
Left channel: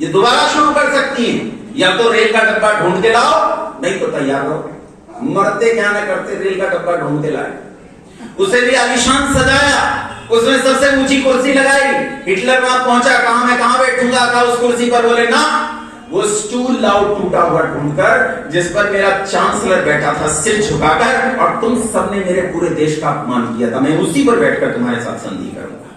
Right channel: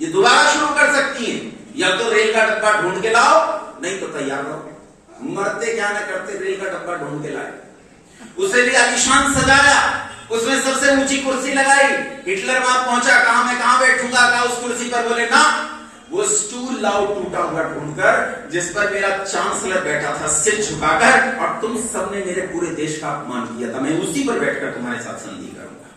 ये दोबारा शुरू कर सकती है। या तो रेल का डब्बा ढूंढ के लाओ, नहीं तो तैयार रहो। मरते क्या ना करते, रेल का डब्बा ढूंढ के लाए, उसे भी आलीशान सजाया, उसमें सबसे ऊंची कुर्सी लगाई। हिटलर वहां पहुंचा, कहा मैं कहां बैठूंगा? कहा उस कुर्सी पर। बोले ना, वो स्टूल लाओ टूटा हुआ ढूंढकर, जिस पर मेरा चांसलर बैठा था सिर झुकाकर, और तुम सबने मेरे पूरे देश का अपमान किया था, मैं उसी पर बैठकर तुम्हारे साथ संधि करूंगा।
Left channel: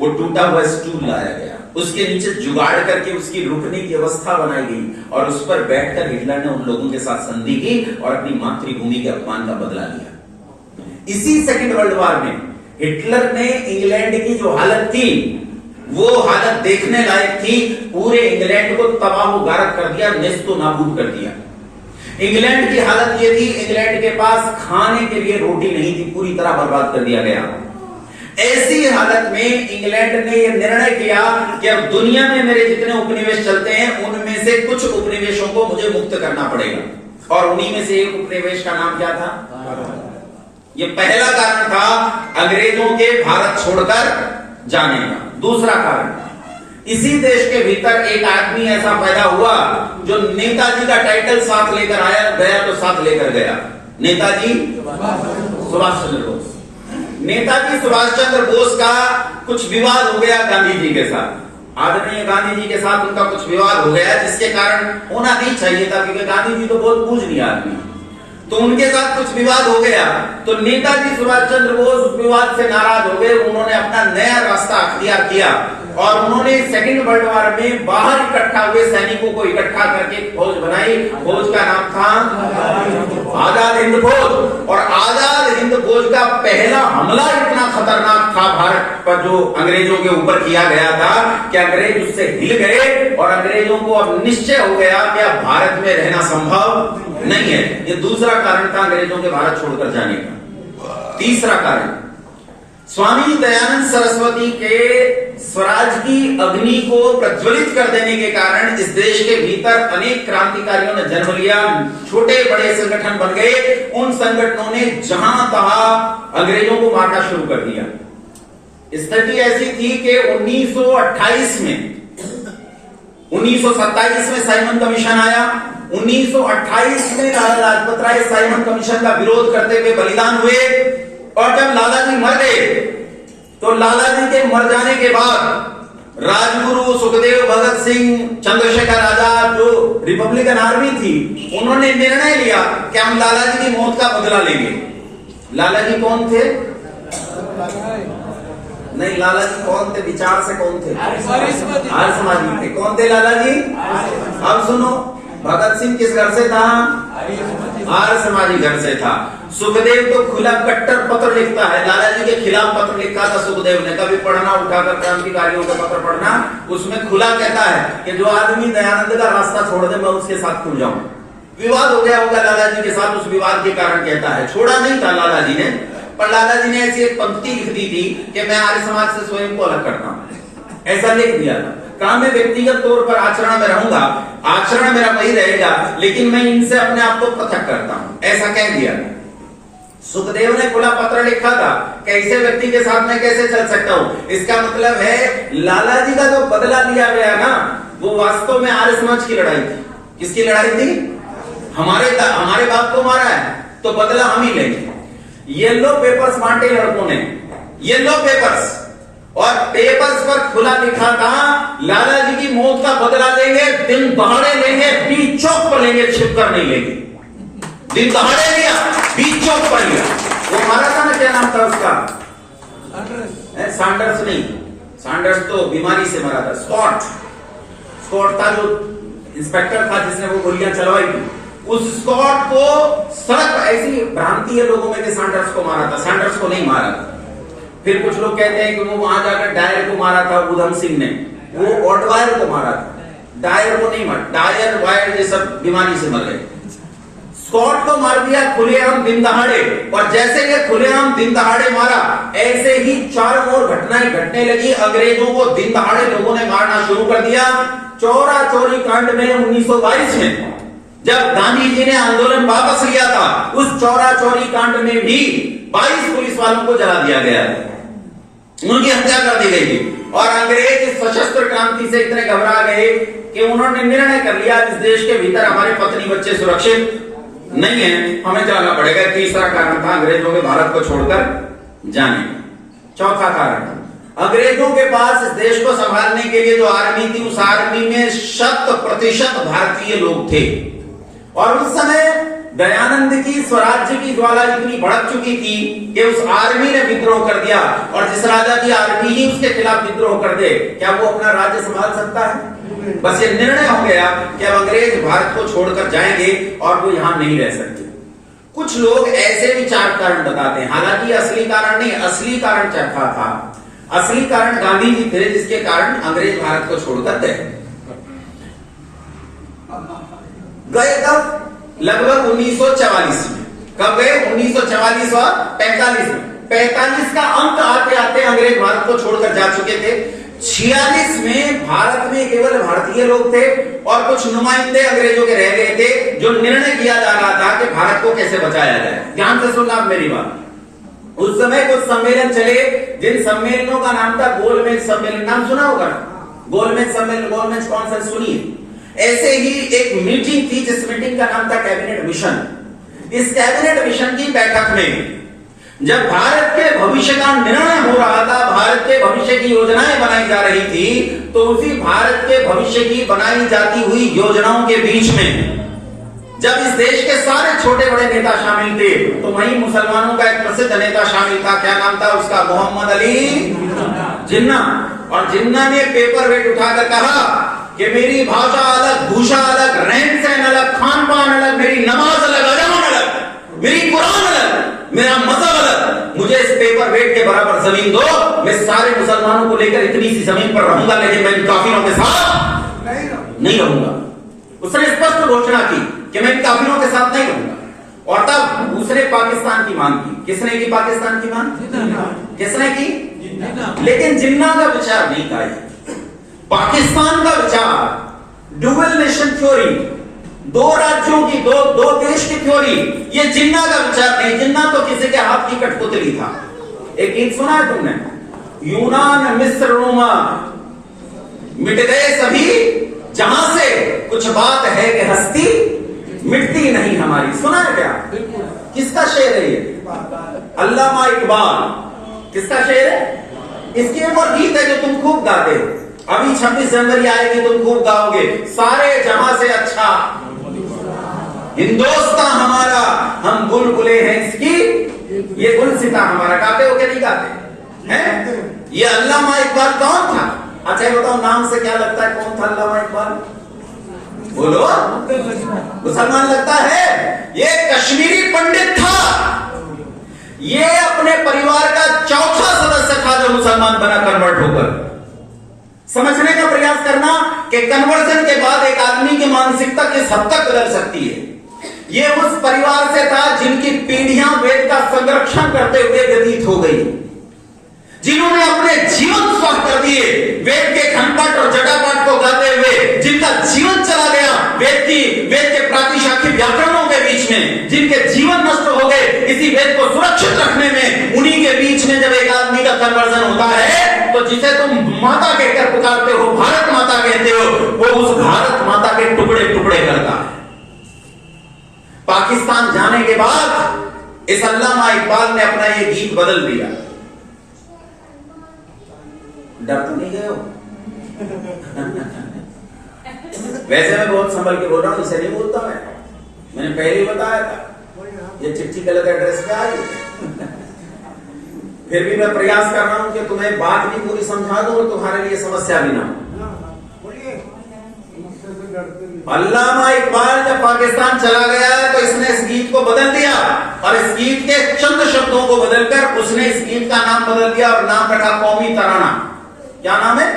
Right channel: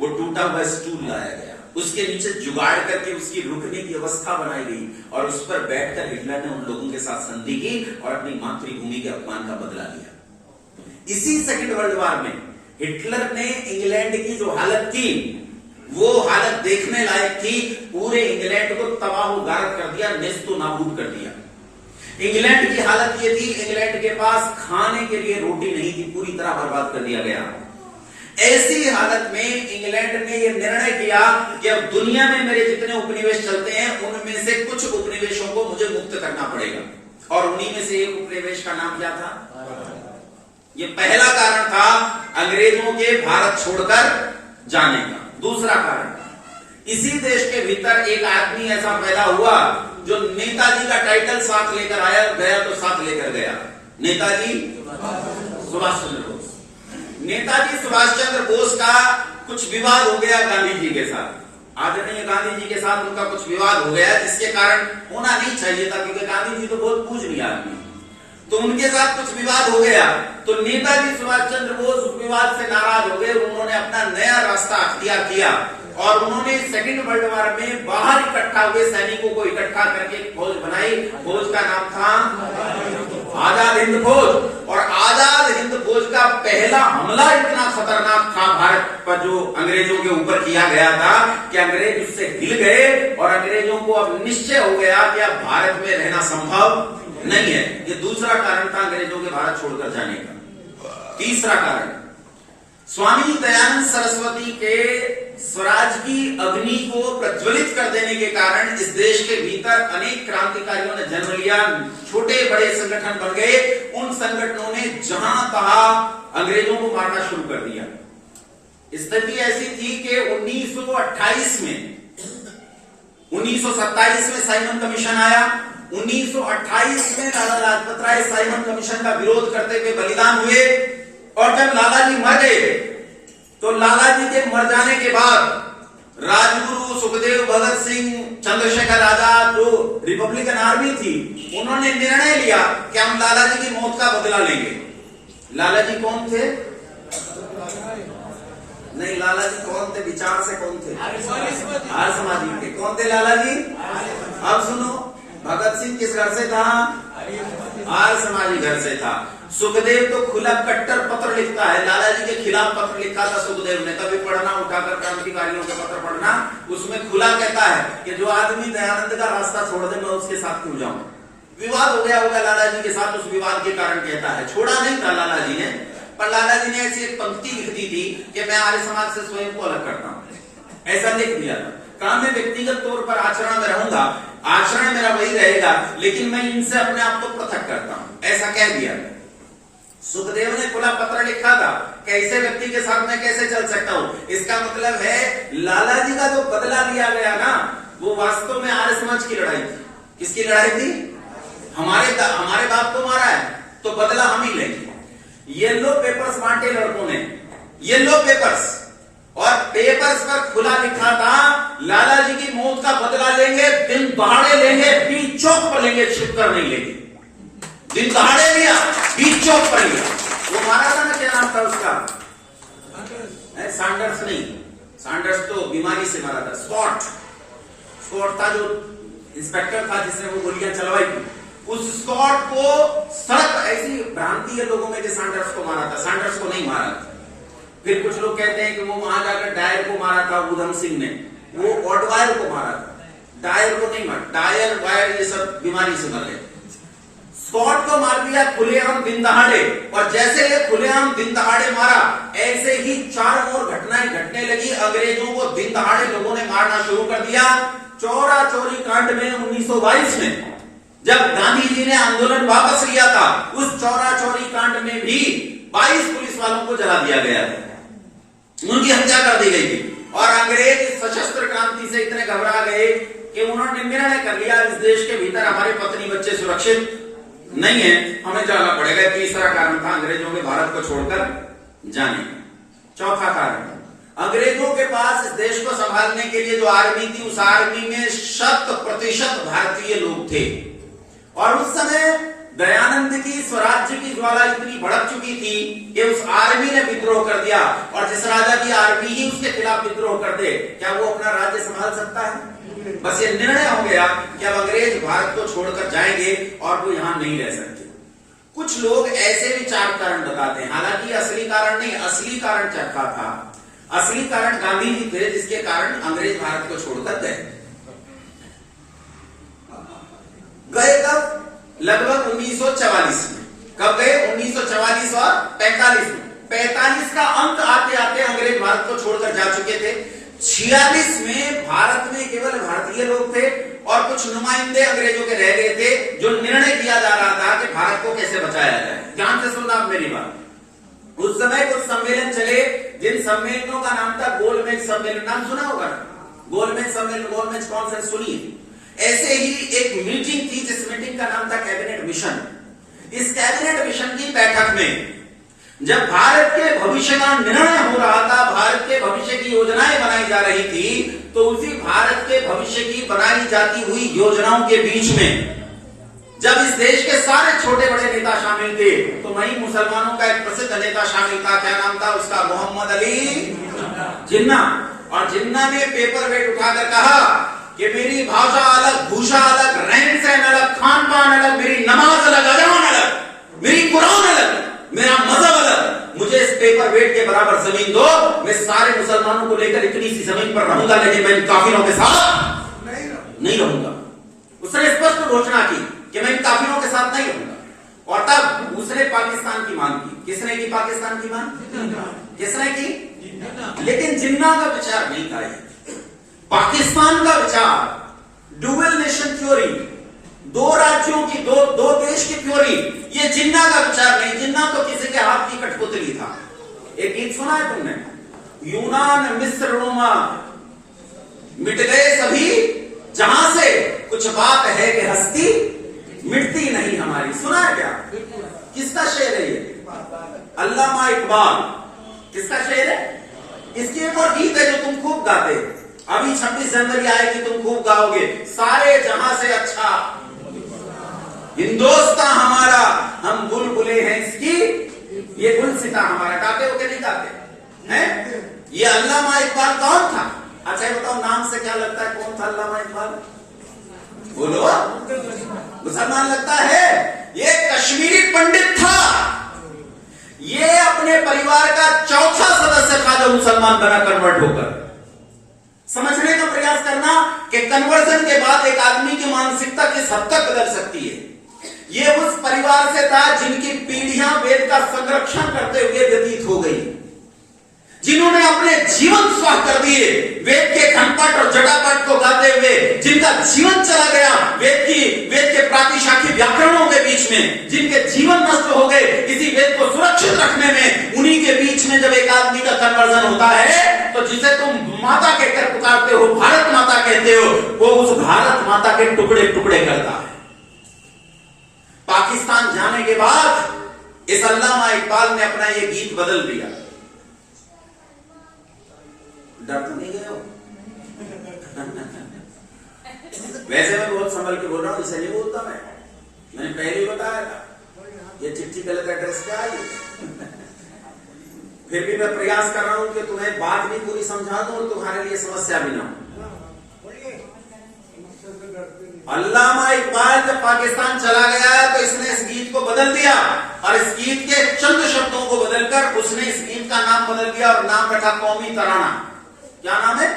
वो टूटा हुआ स्टूल लाया गया, उसके नीचे जुगाड़ करके उसकी रुकने की व्यवस्था बनाई गई, और उस पर बैठकर हिटलर ने उन लोगों के साथ संधि की और अपनी मातृभूमि के अपमान का बदला लिया। इसी सेकेंड वर्ल्ड वॉर में हिटलर ने इंग्लैंड की जो हालत थी वो हालत देखने लायक थी। पूरे इंग्लैंड को तबाह गारक कर दिया, नेस्तो नाबूद कर दिया। इंग्लैंड की हालत ये थी, इंग्लैंड के पास खाने के लिए रोटी नहीं थी, पूरी तरह बर्बाद कर दिया गया। ऐसी हालत में इंग्लैंड ने यह निर्णय किया कि अब दुनिया में मेरे जितने उपनिवेश चलते हैं उनमें से कुछ उपनिवेशों को मुझे मुक्त करना पड़ेगा। और उन्हीं में से एक उपनिवेश का नाम क्या था? ये पहला कारण था अंग्रेजों के भारत छोड़कर जाने का। दूसरा कारण, इसी देश के भीतर एक आदमी ऐसा पैदा हुआ जो नेताजी का टाइटल साथ लेकर आया, गया तो साथ लेकर गया। नेताजी सुभाष चंद्र बोस। नेताजी सुभाष चंद्र बोस का कुछ विवाद हो गया गांधी जी के साथ। आदरणीय गांधी जी के साथ उनका कुछ विवाद हो गया, जिसके कारण होना नहीं चाहिए था, क्योंकि गांधी जी तो बहुत पूजनीय आदमी, तो उनके साथ कुछ विवाद हो गया। तो नेताजी सुभाष चंद्र बोस उस विवाद से नाराज हो गए। उन्होंने अपना नया रास्ता अख्तियार किया और उन्होंने सेकेंड वर्ल्ड वॉर में बाहर इकट्ठा हुए सैनिकों को इकट्ठा करके फौज बनाई। फौज का नाम था आजाद हिंद फौज। और आजाद हिंद फौज का पहला हमला इतना खतरनाक था भारत पर, जो अंग्रेजों के ऊपर किया गया था, कि अंग्रेज उससे हिल गए और अंग्रेजों को अब निश्चय हो गया कि अब भारत में रहना संभव नहीं है। ये दूसरा कारण था अंग्रेजों के भारत छोड़कर जाने का। तीसरा कारण, स्वामी दयानंद सरस्वती के स्वराज की अग्नि को प्रज्वलित कर देने के कारण इस देश के भीतर अनेक क्रांतिकारियों ने जन्म लिया, छोटे बड़े संगठन बन गए। उन संगठनों ने जहां तहां अंग्रेजों को मारना शुरू कर दिया। स्थिति ऐसी थी कि 1928 में, 1927 में साइमन कमीशन आया। 1928 में लाला लाजपत राय साइमन कमीशन का विरोध करते हुए बलिदान हुए। और जब लाला जी मर गए तो लाला जी के मर जाने के बाद राजगुरु, सुखदेव, भगत सिंह, चंद्रशेखर आजाद, जो रिपब्लिकन आर्मी थी, उन्होंने निर्णय लिया कि हम लाला जी की मौत का बदला लेंगे। लाला जी कौन थे? नहीं, लाला जी कौन थे? विचार से कौन थे? आर्य समाजी थे। कौन थे लाला जी? अब सुनो, भगत सिंह किस घर से था? आर्य समाजी घर से था। सुखदेव तो खुला कट्टर पत्र लिखता है, लाला जी के खिलाफ पत्र लिखा था सुखदेव ने। कभी पढ़ना, उठाकर क्रांतिकारियों का पत्र पढ़ना, उसमें खुला कहता है कि जो आदमी दयानंद का रास्ता छोड़ दे मैं उसके साथ क्यों जाऊं। विवाद हो गया होगा लाला जी के साथ, उस विवाद के कारण कहता है। छोड़ा नहीं था लाला जी ने, पर लाला जी ने ऐसी एक पंक्ति लिख दी थी कि मैं आर्य समाज से स्वयं को अलग करता हूं, ऐसा लिख दिया था। कहा मैं व्यक्तिगत तौर पर आचरण में रहूंगा, आचरण मेरा वही रहेगा, लेकिन मैं इनसे अपने आप को पृथक करता हूं, ऐसा कह दिया। सुखदेव ने खुला पत्र लिखा था कि ऐसे व्यक्ति के साथ मैं कैसे चल सकता हूं। इसका मतलब है लाला जी का जो बदला लिया गया ना, वो वास्तव में आर्य समाज की लड़ाई थी। किसकी लड़ाई थी? हमारे बाप को मारा है तो बदला हम ही लेंगे। येलो पेपर्स बांटे लड़कों ने, येलो पेपर्स, और पेपर्स पर खुला लिखा था लाला जी की मौत का बदला लेंगे, दिन दहाड़े लेंगे, बीच चौक पर लेंगे, छिप कर नहीं लेंगे। दिन दहाड़े लिया, बीच चौक पर लिया। वो मारा था ना, क्या नाम था उसका? सैंडर्स नहीं, सैंडर्स तो बीमारी से मरा था। स्कॉट था जो इंस्पेक्टर था जिसने वो गोलियां चलवाई थी। उस स्कॉट को सड़क, ऐसी भ्रांति है लोगों में कि सैंडर्स को मारा था। सैंडर्स को नहीं मारा था। फिर कुछ लोग कहते हैं कि वो वहां जाकर डायर को मारा था, उधम सिंह ने, वो ऑटवायर को मारा था, डायर को नहीं मारा। डायर वायर ये सब बीमारी से मर गए। स्कॉट को मार दिया खुलेआम दिन दहाड़े, और जैसे ये खुलेआम दिन दहाड़े मारा, ऐसे ही चारों ओर घटनाएं घटने लगी। अंग्रेजों को दिन दहाड़े लोगों ने मारना शुरू कर दिया। चौरा चोरी कांड में 1922 में जब गांधी जी ने आंदोलन वापस लिया था, उस चौरा चोरी कांड में भी 22 पुलिस वालों को जला दिया गया, उनकी हत्या कर दी गई थी। और अंग्रेज इस सशस्त्र क्रांति से इतने घबरा गए कि उन्होंने निर्णय कर लिया इस देश के भीतर हमारे पत्नी बच्चे सुरक्षित नहीं है, हमें जाना पड़ेगा। तीसरा कारण था अंग्रेजों के भारत को छोड़कर जाने। चौथा कारण, अंग्रेजों के पास इस देश को संभालने के लिए जो आर्मी थी, उस आर्मी में 100% भारतीय लोग थे। और उस समय दयानंद की स्वराज्य की ज्वाला इतनी भड़क चुकी थी कि उस आर्मी ने विद्रोह कर दिया, और जिस राजा की आर्मी ही उसके खिलाफ विद्रोह कर दे, क्या वो अपना राज्य संभाल सकता है? बस ये निर्णय हो गया कि अब अंग्रेज भारत को छोड़कर जाएंगे और वो यहां नहीं रह सकते। कुछ लोग ऐसे विचार कारण बताते हैं, हालांकि असली कारण नहीं, असली कारण चरखा था। असली कारण गांधी जी थे, जिसके कारण अंग्रेज भारत को छोड़कर गए। कब? लगभग 1944 में। कब गए? 1944 और 45 में। 45 का अंक आते आते अंग्रेज भारत को छोड़कर जा चुके थे। 46 में भारत में केवल भारतीय लोग थे और कुछ नुमाइंदे अंग्रेजों के रह गए थे, जो निर्णय किया जा रहा था कि भारत को कैसे बचाया जाए। ध्यान से सुनना आप मेरी बात। उस समय कुछ सम्मेलन चले, जिन सम्मेलनों का नाम था गोलमेज सम्मेलन। नाम सुना होगा? गोलमेज सम्मेलन, गोलमेज कॉन्फ्रेंस सुनिए। ऐसे ही एक मीटिंग थी, जिस मीटिंग का नाम था कैबिनेट मिशन। इस कैबिनेट मिशन की बैठक में जब भारत के भविष्य का निर्णय हो रहा था, भारत के भविष्य की योजनाएं बनाई जा रही थी, तो उसी भारत के भविष्य की बनाई जाती हुई योजनाओं के बीच में जब इस देश के सारे छोटे बड़े नेता शामिल थे, तो वहीं मुसलमानों का एक प्रसिद्ध नेता शामिल था। क्या नाम था उसका? मोहम्मद अली जिन्ना। और जिन्ना ने पेपर वेट उठाकर कहा कि मेरी भाषा अलग, भूषा अलग, रहन सहन अलग, खान पान अलग, मेरी नमाज अलग, अजान अलग, मेरी कुरान अलग, मेरा मजहब अलग, मुझे इस पेपर वेट के बराबर जमीन दो। मैं सारे मुसलमानों को लेकर इतनी सी जमीन पर रहूंगा, लेकिन मैं इन काफिरों के साथ नहीं रहूंगा। उसने स्पष्ट घोषणा की कि मैं इन काफिरों के साथ नहीं रहूंगा। और तब दूसरे पाकिस्तान की मांग की। किसने की पाकिस्तान की मांग? किसने की? लेकिन जिन्ना का विचार नहीं था। पाकिस्तान का विचार डुअल नेशन थ्योरी, दो राज्यों की, दो देश की थ्योरी, ये जिन्ना का विचार नहीं। जिन्ना तो किसी के हाथ की कठपुतली था। एक गीत सुना है तुमने? यूनान मिस्र रोमा मिट गए सभी जहां से, कुछ बात है कि हस्ती मिटती नहीं हमारी। सुना है क्या? किसका शेर है ये? अल्लामा इकबाल। किसका शेर है? इसकी एक और गीत है जो तुम खूब गाते हो। अभी 26 जनवरी आएगी, तुम खूब गाओगे, सारे जहां से अच्छा हिंदुस्तान हमारा, हम बुलबुले हैं इसकी, ये गुलसिता हमारा। गाते हो क्या नहीं गाते हैं? ये अल्लामा इकबाल कौन था? अच्छा ये बताओ, नाम से क्या लगता है कौन था अल्लामा इकबाल? बोलो। मुसलमान लगता है? ये कश्मीरी पंडित था। ये अपने परिवार का चौथा सदस्य था जो मुसलमान बना कन्वर्ट होकर। समझने का प्रयास करना कि कन्वर्जन के बाद एक आदमी की मानसिकता किस हद तक बदल सकती है। ये उस परिवार से था जिनकी पीढ़ियां वेद का संरक्षण करते हुए व्यतीत हो गई, जिन्होंने अपने जीवन स्वाह कर दिए वेद के खनपट और जटापाठ को गाते हुए, जिनका जीवन चला गया वेद के प्रातिशाखी व्याकरणों के बीच में, जिनके जीवन नष्ट हो गए इसी वेद को सुरक्षित रखने में। उन्हीं के बीच में जब एक आदमी का कन्वर्जन होता है तो जिसे तुम माता कहकर पुकारते हो, भारत माता कहते हो, वो उस भारत माता के टुकड़े टुकड़े करता है। पाकिस्तान जाने के बाद इस अल्लामा इकबाल ने अपना ये गीत बदल दिया। डर तो नहीं गए हो? वैसे मैं बहुत संभल के बोल रहा हूं, इसे नहीं बोलता मैंने पहले ही बताया था ये चिट्ठी गलत एड्रेस पे आई। फिर भी मैं प्रयास कर रहा हूं कि तुम्हें बात भी पूरी समझा दूं और तुम्हारे लिए समस्या भी ना हो। अल्लामा इकबाल जब पाकिस्तान चला गया तो इसने इस गीत को बदल दिया और इस गीत के चंद शब्दों को बदलकर उसने इस गीत का नाम बदल दिया और नाम रखा कौमी तराना। क्या नाम है?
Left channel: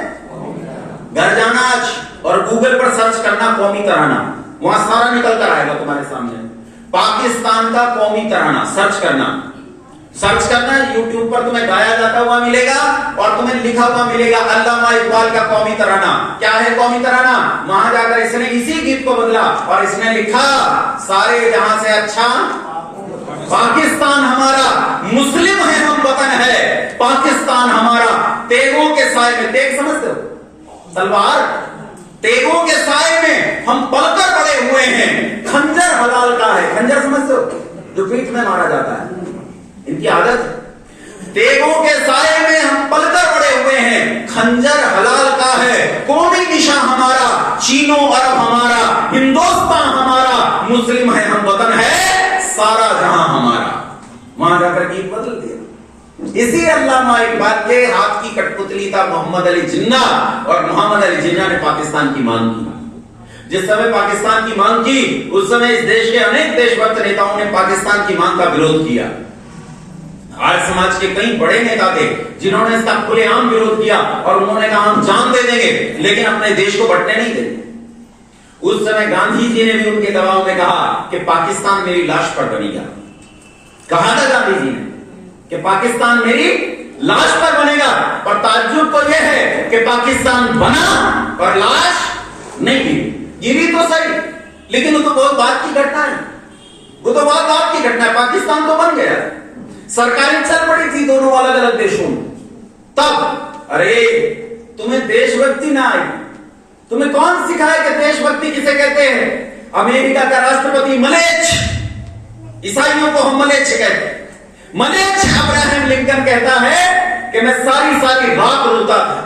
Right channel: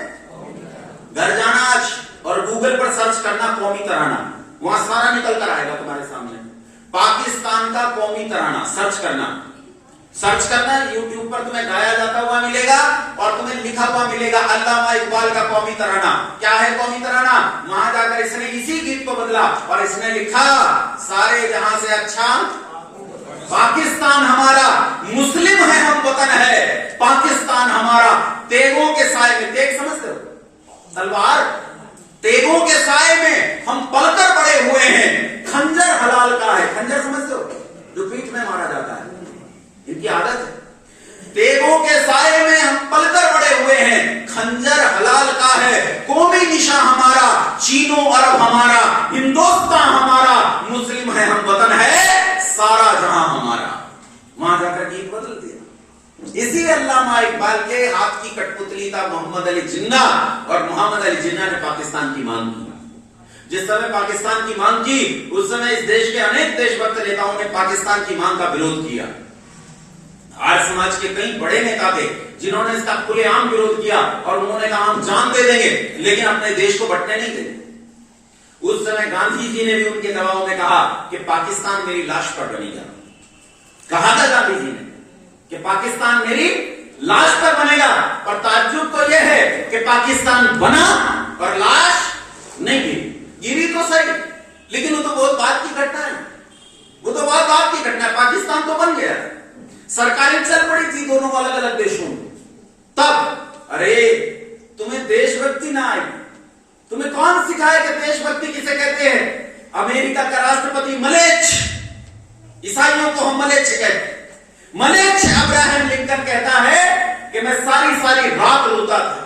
घर जाना आज और गूगल पर सर्च करना कौमी तराना, वहां सारा निकल कर आएगा तुम्हारे सामने। पाकिस्तान का कौमी तराना सर्च करना यूट्यूब पर तुम्हें गाया जाता हुआ मिलेगा और तुम्हें लिखा हुआ मिलेगा अल्लामा इकबाल का कौमी तराना। क्या है कौमी तराना? वहां जाकर इसने इसी गीत को बदला और इसने लिखा सारे जहां से अच्छा पाकिस्तान हमारा, मुस्लिम है हम, वतन है पाकिस्तान हमारा। तेगों के साए में, तेग समझते हो? तलवार। तेगों के साए में हम पलकर बड़े हुए हैं। खंजर हलाल का है। खंजर समझते हो? जो पीठ में मारा जाता है, इनकी आदत है। तेगों के साए में हम पलकर बड़े हुए हैं। खंजर हलाल का है। कौमी निशा हमारा, चीनो अरब हमारा, हिंदुस्तान हमारा, मुस्लिम है हम, वतन है सारा जहां हमारा। वहां जाकर गीत बदल दिया। इसी अल्लामा इकबाल के हाथ की कठपुतली था मोहम्मद अली जिन्ना और मोहम्मद अली जिन्ना ने पाकिस्तान की मांग की। जिस समय पाकिस्तान की मांग की उस समय इस देश के अनेक देशभक्त नेताओं ने पाकिस्तान की मांग का विरोध किया। आर्य समाज के कई बड़े नेता थे जिन्होंने इसका खुलेआम विरोध किया और उन्होंने कहा हम जान दे देंगे लेकिन अपने देश को बंटने नहीं देंगे। उस समय गांधी जी ने भी उनके दबाव में कहा कि पाकिस्तान मेरी लाश पर बनेगा। कहा था गांधी जी ने कि पाकिस्तान मेरी लाश पर बनेगा, पर ताज्जुब तो यह है कि पाकिस्तान बना और लाश नहीं गिरी तो सही, लेकिन वो तो बहुत बात की घटना है। वो तो बहुत बात की घटना है। पाकिस्तान तो बन गया, सरकारें चल पड़ी थी दोनों अलग अलग देशों में। तब अरे तुम्हें देशभक्ति ना आई। तुम्हें कौन सिखाया कि देशभक्ति किसे कहते हैं? अमेरिका का राष्ट्रपति मलेच्छ, ईसाइयों को हम मलेच्छ कहते हैं। मलेच्छ अब्राहम लिंकन कहता है कि मैं सारी सारी रात रोता था।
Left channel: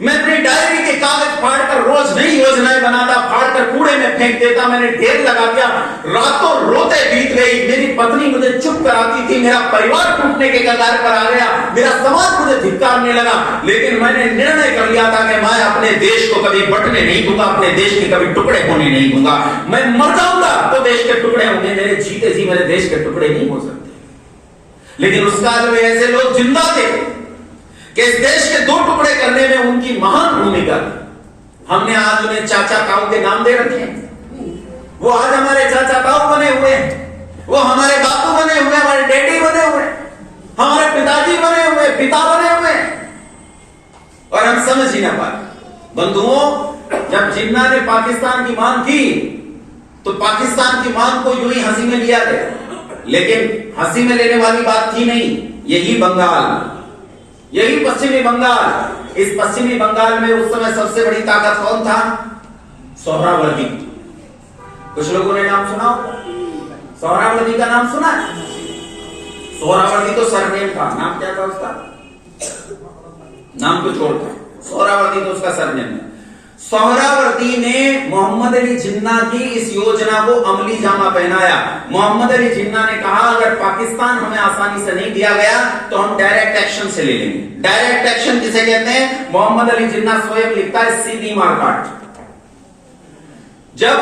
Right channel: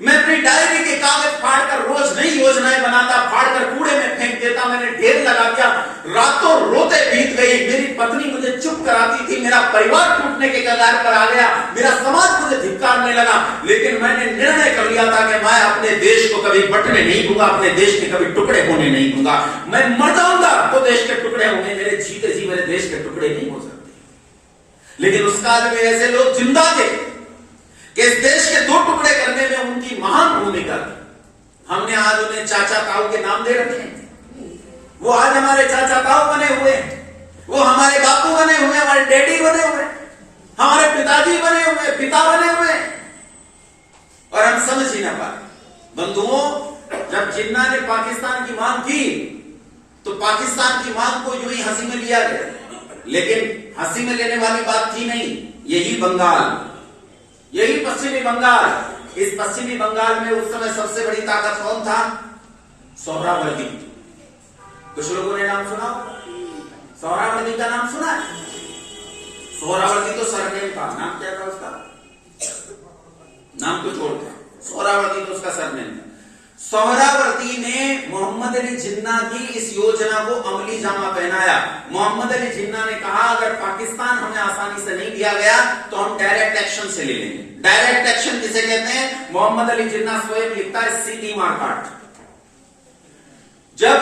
मैं अपनी डायरी के कागज फाड़कर रोज नई योजनाएं बनाता, फाड़कर कूड़े में फेंक देता। मैंने ढेर लगा दिया, रातों रोते बीत गई। मेरी पत्नी मुझे चुप कराती थी, मेरा परिवार टूटने के कगार पर आ गया, मेरा समाज मुझे धिक्कारने लगा। लेकिन मैंने निर्णय कर लिया था कि मैं अपने देश को कभी बंटने नहीं दूंगा, अपने देश के कभी टुकड़े होने नहीं दूंगा। मैं मर जाऊंगा तो देश के टुकड़े होंगे, मेरे जीते जी मेरे देश के टुकड़े नहीं हो सकते। लेकिन उस काल में ऐसे लोग जिंदा थे कि इस देश के दो टुकड़े करने में उनकी महान भूमिका थी। हमने आज उन्हें चाचा ताऊ के नाम दे रखे हैं। वो आज हमारे चाचा ताऊ बने हुए हैं, वो हमारे बापू बने हुए, हमारे डैडी बने हुए, हमारे पिताजी बने हुए, पिता बने हुए, और हम समझ ही ना पाए। बंधुओं, जब जिन्ना ने पाकिस्तान की मांग की तो पाकिस्तान की मांग को यूं ही हंसी में लिया गया, लेकिन हंसी में लेने वाली बात थी नहीं। यही बंगाल, यही पश्चिमी बंगाल, इस पश्चिमी बंगाल में उस समय सबसे बड़ी ताकत कौन था? सोहरावर्दी। कुछ लोगों ने नाम सुना? सोहरावर्दी का नाम सुना? सोहरावर्दी तो सरनेम था, नाम क्या था उसका? नाम कुछ और था, सोहरावर्दी तो उसका सरनेम है। सोहरावर्दी ने मोहम्मद अली जिन्ना की इस योजना को अमली जामा पहनाया। मोहम्मद अली जिन्ना ने कहा अगर पाकिस्तान हमें आसानी से नहीं दिया गया तो हम डायरेक्ट एक्शन से ले लेंगे। डायरेक्ट एक्शन किसे कहते हैं? मोहम्मद अली जिन्ना स्वयं लिखता है सीधी मारकाट। जब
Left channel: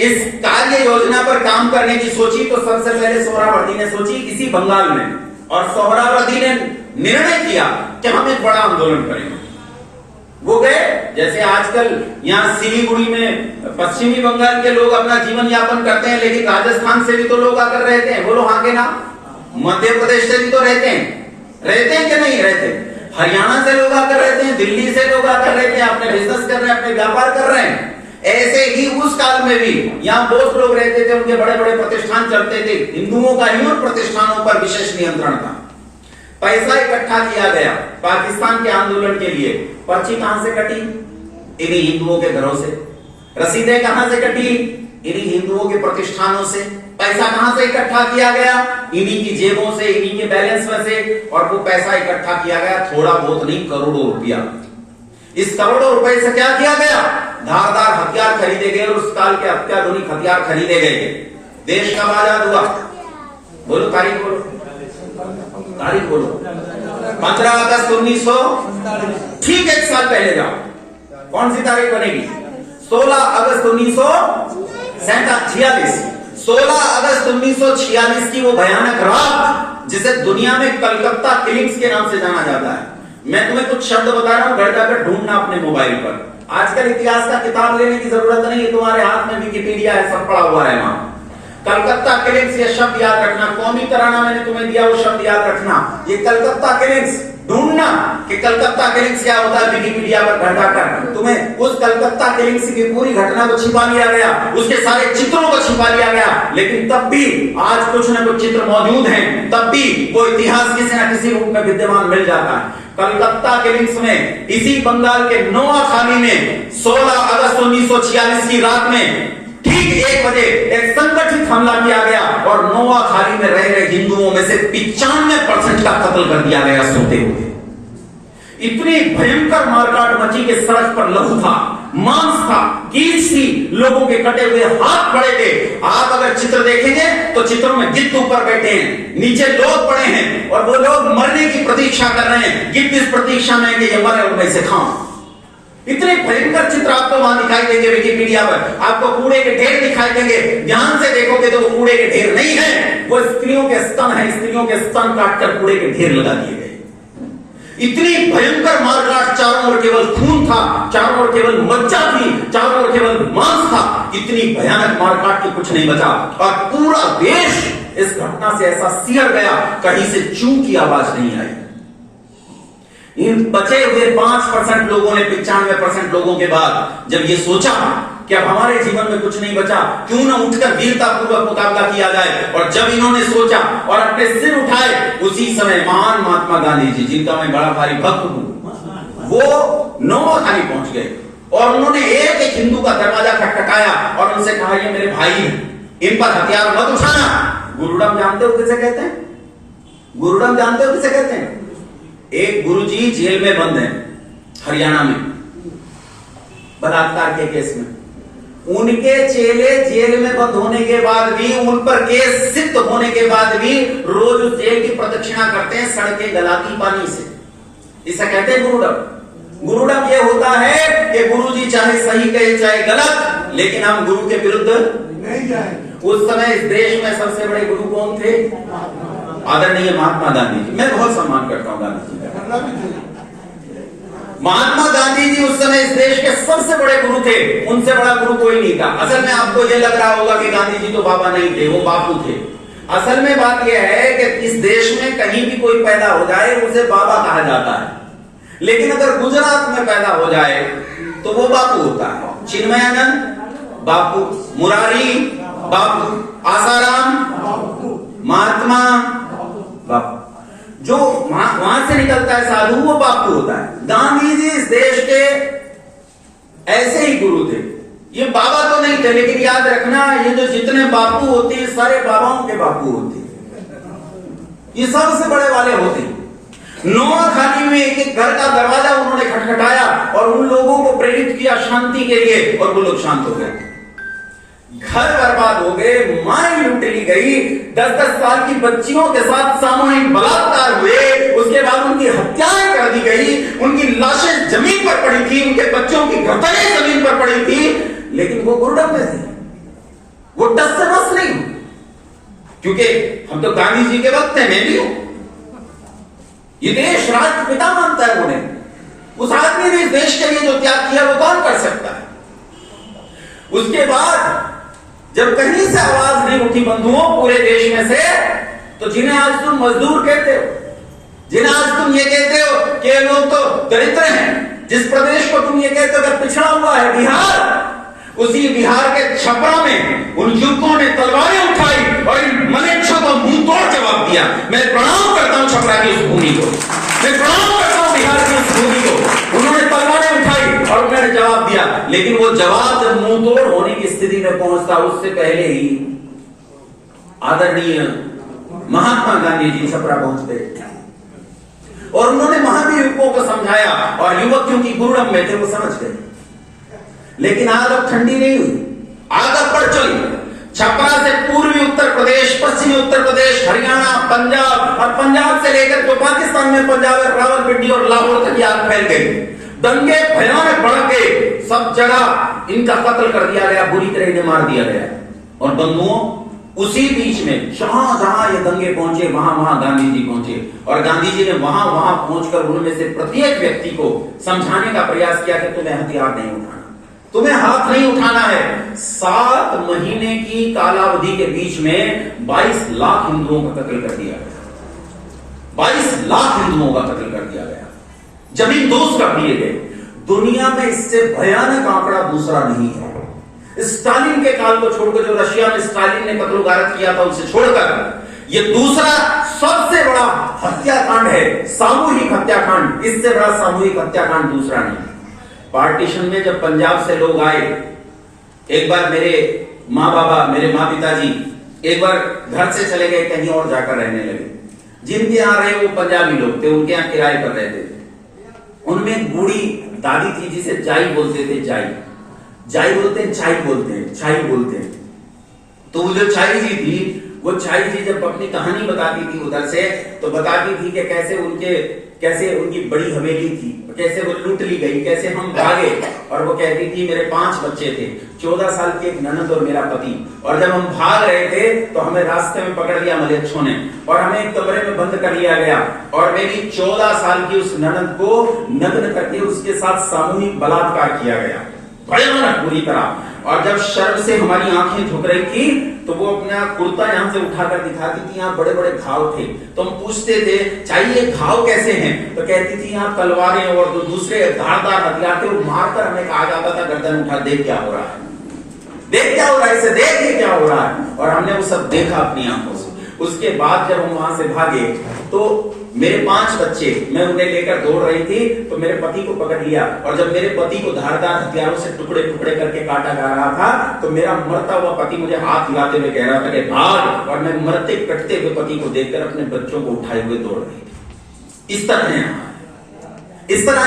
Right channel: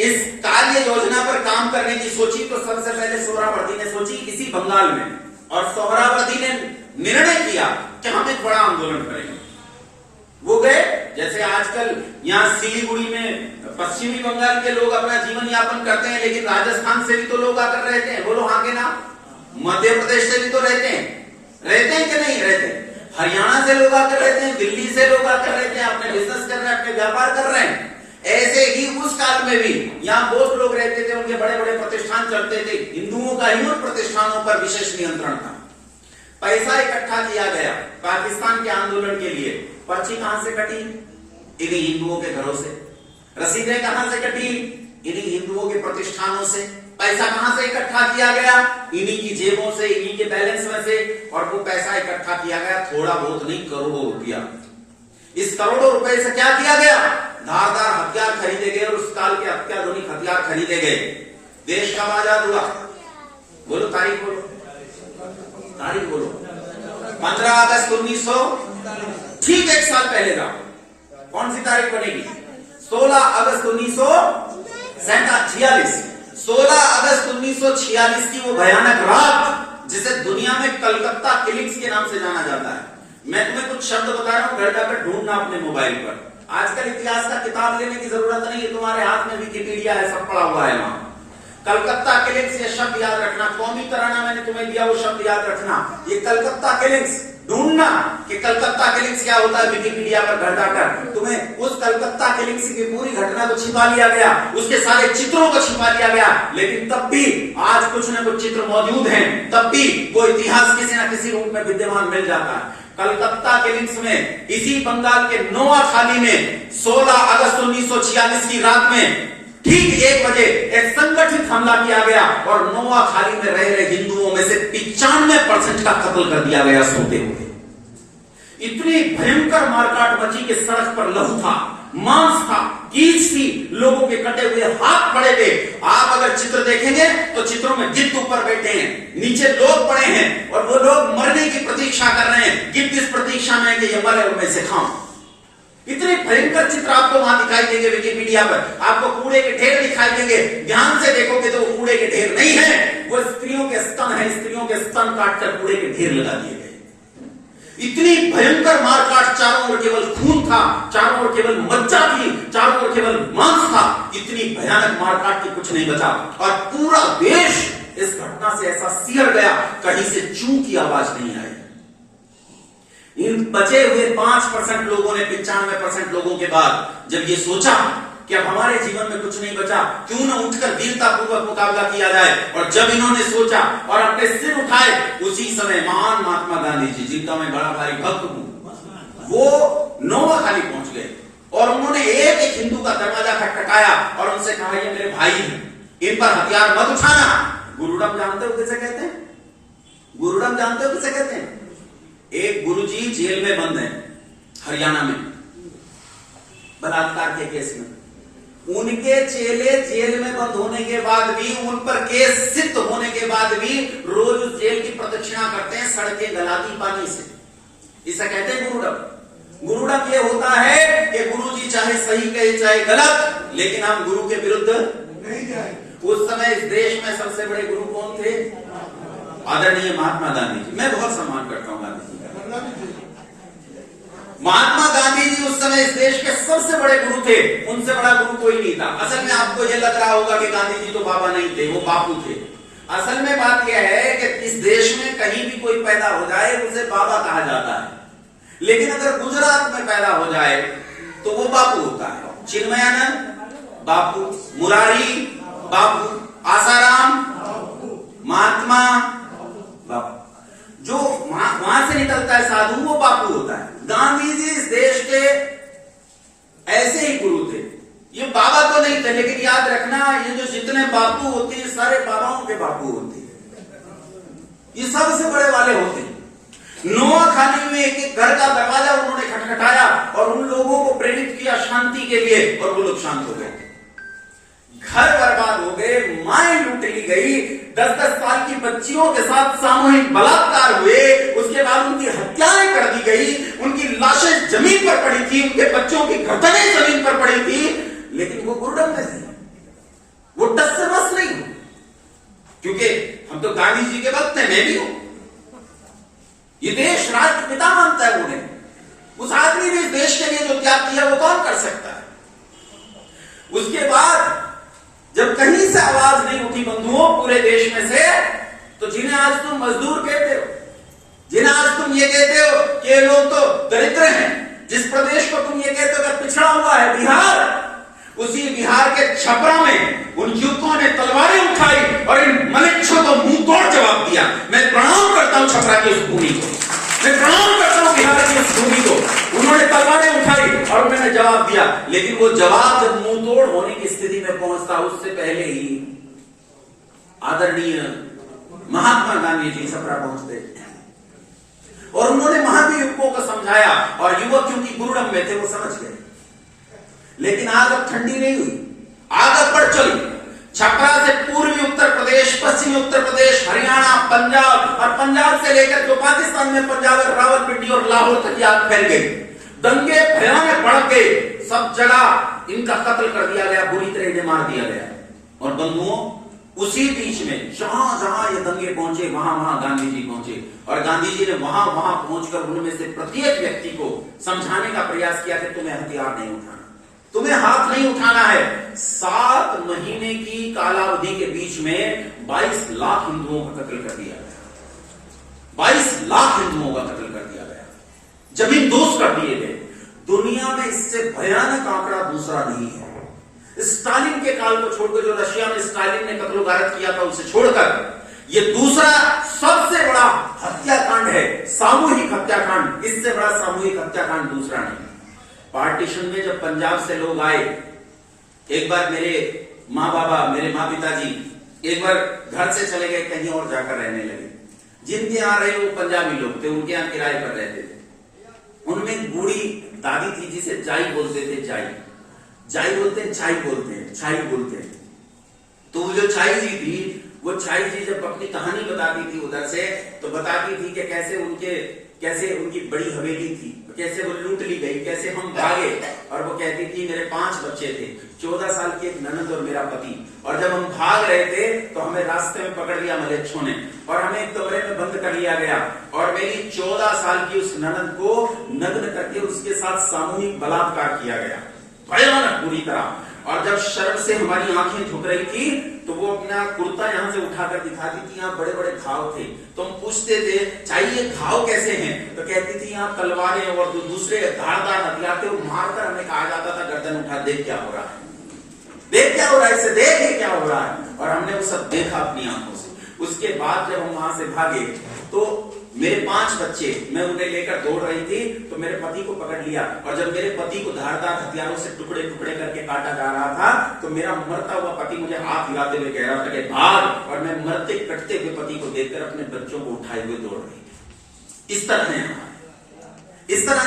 इस कार्य योजना पर काम करने की सोची तो सबसे पहले सोहरावर्दी ने सोची इसी बंगाल में, और सोहरावर्दी ने निर्णय किया कि हम एक बड़ा आंदोलन करेंगे। वो गए, जैसे आजकल यहाँ सिलीगुड़ी में पश्चिमी बंगाल के लोग अपना जीवन यापन करते हैं, लेकिन राजस्थान से भी तो लोग आकर रहते हैं। बोलो हाँ के ना? मध्य प्रदेश से भी तो रहते हैं कि नहीं रहते? हरियाणा से लोग आकर रहते हैं, दिल्ली से लोग आकर रहते हैं, अपने बिजनेस कर रहे हैं, अपने व्यापार कर रहे हैं। ऐसे ही उस काल में भी यहाँ बहुत लोग रहते थे, उनके बड़े बड़े प्रतिष्ठान चलते थे, हिंदुओं का ही उन प्रतिष्ठानों पर विशेष नियंत्रण था। पैसा इकट्ठा किया गया पाकिस्तान के आंदोलन के लिए। पर्ची कहां से कटी? इन्हीं हिंदुओं के घरों से। रसीदें कहां से कटी? इन्हीं हिंदुओं के प्रतिष्ठानों से। पैसा कहां से इकट्ठा किया गया? इन्हीं की जेबों से, इन्हीं के बैलेंस में से। और वो पैसा इकट्ठा किया गया थोड़ा बहुत नहीं, करोड़ों रुपया। इस करोड़ों रुपए से क्या किया गया? धारदार हथियार खरीदे गए और उस काल के अत्याधुनिक हथियार खरीदे गए। देश कब आजाद हुआ? बोलो तारीख, बोलो तारीख, बोलो। 15 अगस्त 1900, ठीक 1 साल पहले जाओ, कौन सी तारीख बनेगी? 16 अगस्त 1946। 16 अगस्त 1946 की वो भयानक रात जिसे दुनिया में कलकत्ता किलिंग्स के नाम से जाना जाता है। मैं तुम्हें कुछ शब्द बता रहा हूं, घर जाकर ढूंढना अपने मोबाइल पर। आजकल इतिहास का किताब लेने की जरूरत नहीं है, तुम्हारे हाथ में विकिपीडिया है, सब पड़ा हुआ है वहां। कलकत्ता किलिंग्स, ये शब्द याद रखना। कौमी तराना मैंने तुम्हें दिया, वो शब्द याद रखना। ये कलकत्ता किलिंग्स ढूंढना कि कलकत्ता किलिंग्स क्या होता है, विकिपीडिया पर घर जाकर तुम्हें उस कलकत्ता किलिंग्स की पूरी घटना को छिपा लिया गया, उसके सारे चित्रों को छिपा लिया गया। लेकिन तब भी आज कुछ न कुछ चित्र मौजूद हैं, तब भी वो इतिहास किसी न किसी रूप में विद्यमान मिल जाता है। कलकत्ता किलिंग्स में इसी बंगाल के नोआखाली में 16 अगस्त 1946 की रात में ठीक 1 बजे एक संगठित हमला किया गया और नोआखाली में रह रहे हिंदुओं में से 95% का कत्ल कर दिया गया सोते हुए। इतनी भयंकर मारकाट मची कि सड़क पर लहू था, मांस था, कीच थी, लोगों के कटे हुए हाथ पड़े थे। आप अगर चित्र देखेंगे तो चित्रों में गिद्ध ऊपर बैठे हैं, नीचे लोग पड़े हैं और वो लोग मरने की प्रतीक्षा कर रहे हैं। गिद्ध इस प्रतीक्षा में कि ये मरे और मैं इसे खाऊं। इतने भयंकर चित्र आपको वहां दिखाई देंगे विकिपीडिया पर। आपको कूड़े के ढेर दिखाई देंगे, ध्यान से देखोगे तो वो कूड़े के ढेर नहीं है, वो स्त्रियों के स्तन है। स्त्रियों के स्तन काटकर कूड़े के ढेर लगा दिए गए। इतनी भयंकर मारकाट, चारों ओर केवल खून था, चारों ओर केवल मज्जा थी, चारों ओर केवल मांस था। इतनी भयानक मारकाट की कुछ नहीं बचा और पूरा देश इस घटना से ऐसा सिहर गया, कहीं से चू की आवाज नहीं आई। इन बचे हुए 5% लोगों ने 95% लोगों के बाद जब ये सोचा कि अब हमारे जीवन में कुछ नहीं बचा, क्यों ना उठकर वीरतापूर्वक मुकाबला किया जाए, और जब इन्होंने सोचा और अपने सिर उठाए, उसी समय महान महात्मा गांधी जी, जिनका मैं बड़ा भारी भक्त हूं, वो नोआखाली पहुंच गए और उन्होंने एक एक हिंदू का दरवाजा खटखटाया और उनसे कहा, ये मेरे भाई, इन पर हथियार मत उठाना। गुरुडम जानते हो किसे कहते हैं? गुरुडम जानते हो किसे कहते हैं? एक गुरुजी जेल में बंद है हरियाणा में बलात्कार के केस में। उनके चेले जेल में बंद होने के बाद भी, उन पर केस सिद्ध होने के बाद भी रोज उस जेल की प्रदक्षिणा करते हैं सड़कें गलाती पानी से। इसे कहते हैं गुरुडम। गुरुडम ये होता है कि गुरुजी चाहे सही कहे चाहे गलत, लेकिन हम गुरु के विरुद्ध नहीं जाए। उस समय इस देश में सबसे बड़े गुरु कौन थे? आदरणीय महात्मा गांधी जी। मैं बहुत सम्मान करता हूं गांधी जी का। महात्मा गांधी जी उस समय इस देश के सबसे बड़े गुरु थे, उनसे बड़ा गुरु कोई नहीं था। असल में आपको यह लग रहा होगा कि गांधी जी तो बाबा नहीं थे, वो बापू थे। असल में बात यह है कि इस देश में कहीं भी कोई पैदा हो जाए उसे बाबा कहा जाता है, लेकिन अगर गुजरात में पैदा हो जाए तो वो बापू होता है। चिन्मयानंद बापू, मुरारी बापू, आसाराम महात्मा बापू, जो वहां से निकलता है साधु, वो बापू होता है। गांधी जी इस देश के ऐसे ही गुरु थे। ये बाबा तो नहीं थे, लेकिन याद रखना, ये जो जितने बापू होते हैं सारे बाबाओं के बापू होते हैं, ये सबसे बड़े वाले होते हैं। नोआखाली में एक एक घर का दरवाजा उन्होंने खटखटाया और उन लोगों को प्रेरित किया शांति के लिए, और वो लोग शांत हो गए। घर बर्बाद हो गए, माएं लूट ली गई, 10-10 साल की बच्चियों के साथ सामूहिक बलात्कार हुए, उसके बाद उनकी हत्याएं कर दी गई, उनकी लाशें जमीन पर पड़ी थी, उनके बच्चों की गर्दनें जमीन पर पड़ी थी, लेकिन वो गुरुडम में थे, वो टस से बस नहीं, क्योंकि हम तो गांधी जी के वक्त हैं, मैं भी हूं। ये देश राष्ट्रपिता मानता है उन्हें। उस आदमी ने इस देश के लिए जो त्याग किया वो कौन कर सकता है? उसके बाद जब कहीं से आवाज नहीं उठी बंधुओं पूरे देश में से, तो जिन्हें आज तुम मजदूर कहते हो, जिन्हें आज तुम ये कहते हो कि लोग तो दरिद्र हैं, जिस प्रदेश को तुम ये कहते हो कि पिछड़ा हुआ है, बिहार, उसी बिहार के छपरा में उन युवकों ने तलवारें उठाई और इन मलेच्छों को मुंह तोड़ जवाब दिया। मैं प्रणाम करता हूं छपरा की उस भूमि को, मैं प्रणाम करता हूं बिहार की उस भूमि को। उन्होंने तलवारें उठाई और उन्होंने जवाब दिया, लेकिन वो जवाब जब मुंह तोड़ होने की स्थिति में पहुंचता उससे पहले ही आदरणीय महात्मा गांधी जी छपरा पहुंचते और उन्होंने महावीर युवकों को समझाया और युवक क्योंकि गुरुडम में थे वो समझ गए। लेकिन आग अब ठंडी नहीं हुई, आग अब बढ़ चली। छपरा से पूर्वी उत्तर प्रदेश, पश्चिमी उत्तर प्रदेश, हरियाणा, पंजाब और पंजाब से लेकर जो पाकिस्तान में पंजाब है, रावलपिंडी और लाहौर तक आग फैल गई। दंगे भयानक भड़क गए, सब जगह इनका कत्ल कर दिया गया, बुरी तरह इन्हें मार दिया गया। और बंधुओं, उसी बीच में जहां जहां ये दंगे पहुंचे वहां वहां गांधी जी पहुंचे और गांधी जी ने वहां वहां पहुंचकर उनमें से प्रत्येक व्यक्ति को समझाने का प्रयास किया कि तुम्हें हथियार नहीं उठाना, तुम्हें हाथ नहीं उठाना है। 7 महीने की कालावधि के बीच में 22 लाख हिंदुओं का कत्ल कर दिया गया, 22 लाख हिंदुओं का कत्ल कर दिया गया, जमीन दोस्त कर दिए गए। दुनिया में इससे भयानक आंकड़ा दूसरा नहीं है। स्टालिन के काल को छोड़कर, जो रशिया में स्टालिन ने कत्ल गारत किया था उसे छोड़कर यह दूसरा सबसे बड़ा हत्याकांड है, सामूहिक हत्याकांड। इससे बड़ा सामूहिक हत्याकांड दूसरा नहीं। पार्टीशन में जब पंजाब से लोग आए, एक बार मेरे माँ बाबा, मेरे माँ पिताजी एक बार घर से चले गए, कहीं और जाकर रहने लगे। जिनके यहाँ रहे वो पंजाबी लोग थे, उनके यहाँ किराए पर रहते थे। उनमें बूढ़ी दादी थी जिसे जाई बोलते थे, जाई बोलते हैं, चाई बोलते हैं, छाई बोलते हैं। तो वो जो छाई जी थी, वो छाई जी जब अपनी कहानी बताती थी उधर से, तो बताती थी कि कैसे उनकी बड़ी हवेली थी, कैसे वो लूट ली गई, कैसे हम भागे। और वो कहती थी मेरे 5 बच्चे थे, 14 साल की एक ननद और मेरा पति, और जब हम भाग रहे थे तो हमें रास्ते में पकड़ लिया मलेच्छों ने और हमें एक कमरे में बंद कर लिया गया और मेरी 14 साल की उस ननद को नग्न करके उसके साथ सामूहिक बलात्कार किया गया, भयानक बुरी तरह। और जब शर्म से हमारी आंखें झुक रही थी तो वो अपना कुर्ता यहां से उठाकर दिखाती थी, यहाँ बड़े बड़े घाव थे। तो हम पूछते थे चाहिए घाव कैसे हैं, तो कहती थी यहाँ तलवारें और जो दूसरे धारदार हथियार थे वो मारकर हमें कहा जाता था गर्दन उठा, देख क्या हो रहा है, देख क्या हो रहा है, इसे देख क्या हो रहा है। और हमने वो सब देखा अपनी आंखों से। उसके बाद जब हम वहां से भागे तो मेरे 5 बच्चे, मैं उन्हें लेकर दौड़ रही थी तो मेरे पति को पकड़ लिया और जब मेरे पति को धारदार हथियारों से टुकड़े टुकड़े करके काटा जा रहा था तो मेरा मरता हुआ पति मुझे हाथ हिलाते हुए कह रहा था कि भाग, और मैं मरते कटते हुए पति को देखकर अपने बच्चों को उठाए हुए दौड़ रही थी। इस तरह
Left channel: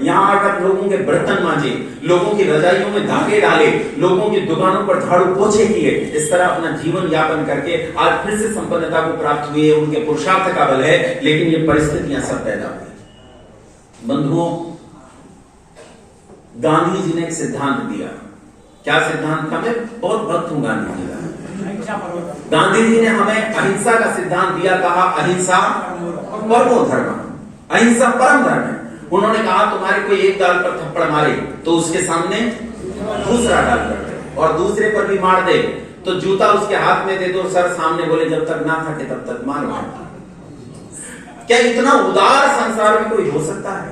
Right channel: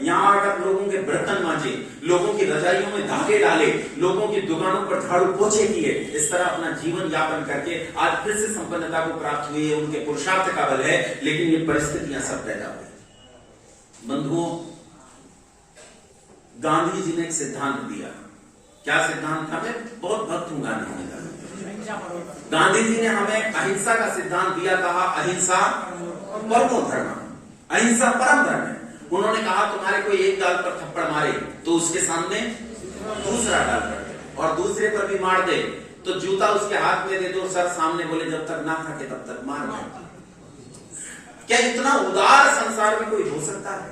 यहाँ आकर लोगों के बर्तन मांजे, लोगों की रजाइयों में धागे डाले, लोगों की दुकानों पर झाड़ू पोछे किए, इस तरह अपना जीवन यापन करके आज फिर से संपन्नता को प्राप्त हुए। उनके पुरुषार्थ का बल है, लेकिन ये परिस्थितियां सब पैदा हुई। बंधुओं, गांधी जी ने एक सिद्धांत दिया। क्या सिद्धांत था? मैं बहुत भक्त हूं गांधी जी का। गांधी जी ने हमें अहिंसा का सिद्धांत दिया, कहा अहिंसा परमो धर्म, अहिंसा परम धर्म है। उन्होंने कहा तुम्हारे कोई एक गाल पर थप्पड़ मारे तो उसके सामने दूसरा डाल कर दे, और दूसरे पर भी मार दे तो जूता उसके हाथ में दे दो, सर सामने बोले जब तक ना थके तब तक मार। क्या इतना उदार संसार में कोई हो सकता है?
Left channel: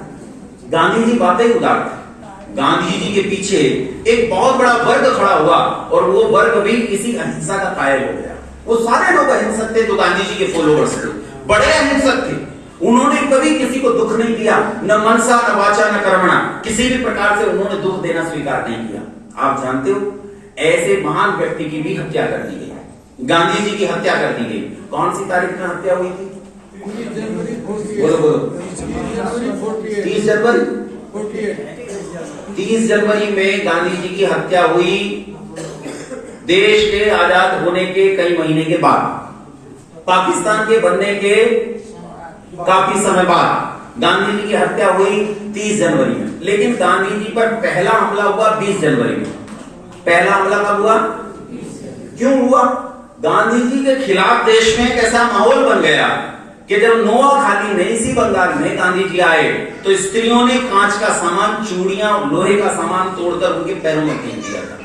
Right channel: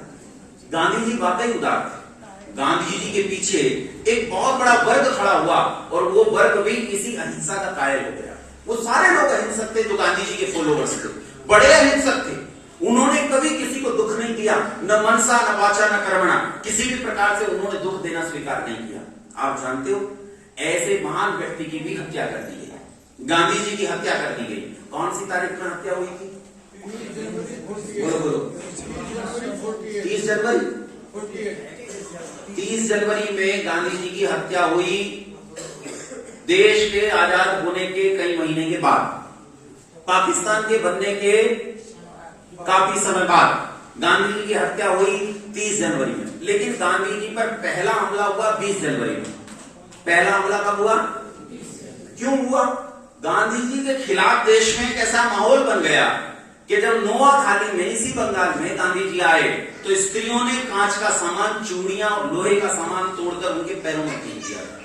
गांधी जी बातें उदार थे। गांधी जी के पीछे एक बहुत बड़ा वर्ग खड़ा हुआ और वो वर्ग भी इसी अहिंसा का कायल हो गया। वो सारे लोग अहिंसक थे जो गांधी जी के फॉलोअर्स थे, बड़े अहिंसक थे। उन्होंने कभी किसी को दुख नहीं दिया, न मनसा न वाचा न कर्मणा, किसी भी प्रकार से उन्होंने दुख देना स्वीकार नहीं किया। आप जानते हो, ऐसे महान व्यक्ति की भी हत्या कर दी गई, गांधी जी की हत्या कर दी गई। कौन सी तारीख में हत्या हुई थी? बोलो 30 जनवरी। 30 जनवरी में गांधी जी की हत्या हुई। देश के आजाद होने के कई महीने के बाद, पाकिस्तान के बनने के काफी समय बाद गांधी जी की हत्या हुई 30 जनवरी में। लेकिन गांधी जी पर पहला हमला हुआ 20 जनवरी में। पहला हमला कब हुआ? क्यों हुआ? गांधी जी के खिलाफ देश में एक ऐसा माहौल बन गया कि जब नोआखाली में, इसी बंगाल में गांधी जी आए तो स्त्रियों ने कांच का सामान, चूड़ियां और लोहे का सामान तोड़कर उनके पैरों में फेंक दिया था।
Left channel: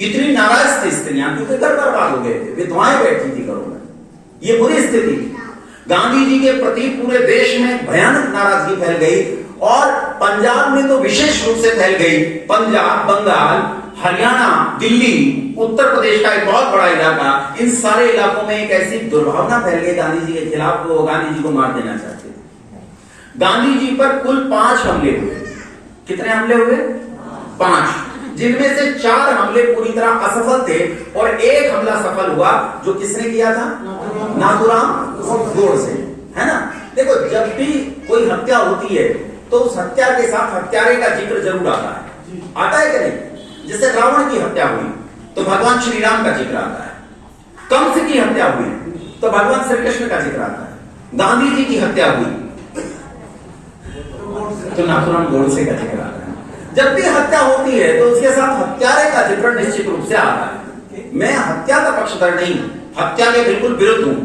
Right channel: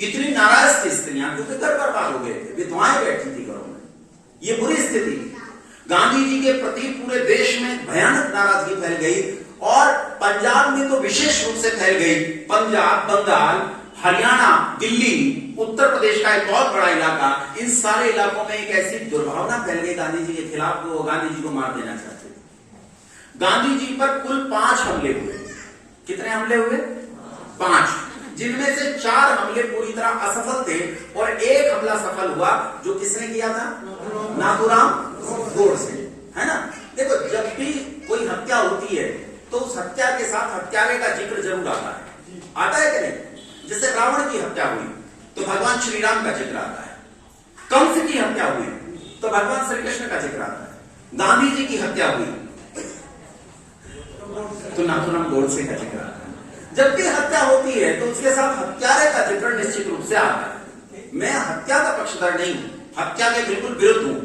इतनी नाराज थी स्त्रियां, क्योंकि घर बर्बाद हो गए थे, विधवाएं बैठी थी घरों में। ये बुरी स्थिति थी। गांधी जी के प्रति पूरे देश में भयानक नाराजगी फैल गई और पंजाब में तो विशेष रूप से फैल गई। पंजाब, बंगाल, हरियाणा, दिल्ली, उत्तर प्रदेश का एक बहुत बड़ा इलाका, इन सारे इलाकों में एक ऐसी दुर्भावना फैल गई गांधी जी के खिलाफ, वो गांधी जी को मार देना चाहते थे। गांधी जी पर कुल 5 हमले हुए। कितने हमले हुए? 5, जिनमें से 4 हमले पूरी तरह असफल थे और एक हमला सफल हुआ, जो किसने किया था? नाथूराम गोडसे, है ना। देखो, जब भी कोई हत्या होती है तो उस हत्या के साथ हत्यारे का जिक्र जरूर आता है कि नहीं? जैसे रावण की हत्या हुई तो भगवान श्री राम का जिक्र आता है, कंस की हत्या हुई तो भगवान श्री कृष्ण का जिक्र आता है, गांधी जी की हत्या हुई तो नाथूराम गोडसे का जिक्र आता है। जब भी हत्या होती है तो उसके साथ हत्यारे का जिक्र निश्चित रूप से आता है। मैं हत्या का पक्षधर नहीं, हत्या के बिल्कुल विरुद्ध हूं।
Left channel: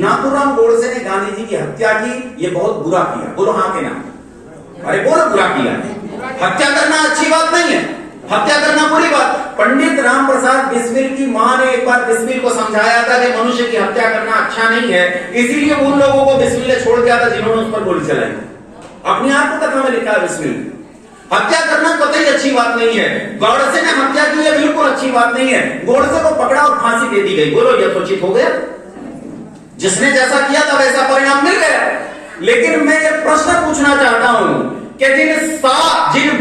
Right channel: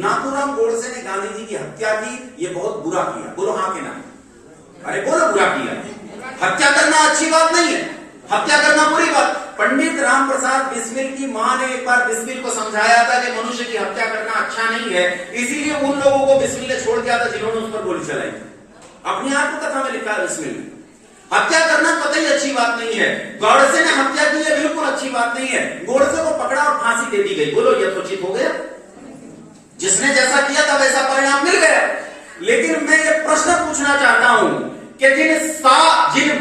नाथूराम गोडसे ने गांधी जी की हत्या की, ये बहुत बुरा किया। बोलो हाँ के ना? अरे बोलो, बुरा किया। हत्या करना अच्छी बात नहीं है, हत्या करना बुरी बात। पंडित राम प्रसाद बिस्मिल की मां ने एक बार बिस्मिल को समझाया था कि मनुष्य की हत्या करना अच्छा नहीं है, इसीलिए उन लोगों को बिस्मिल ने छोड़ दिया था जिन्होंने उस पर गोली चलाई। अपनी आत्मकथा में लिखा है बिस्मिल। हत्या करना कतई अच्छी बात नहीं है। गोडसे ने हत्या की, है बिल्कुल अच्छी बात नहीं है। गोडसे को पकड़ा और फांसी दे दी गई। बोलो, यथोचित हो गया? जिसने जैसा किया था वैसा परिणाम मिल गया। लेकिन मैं ये प्रश्न पूछना चाहता हूं कि जिन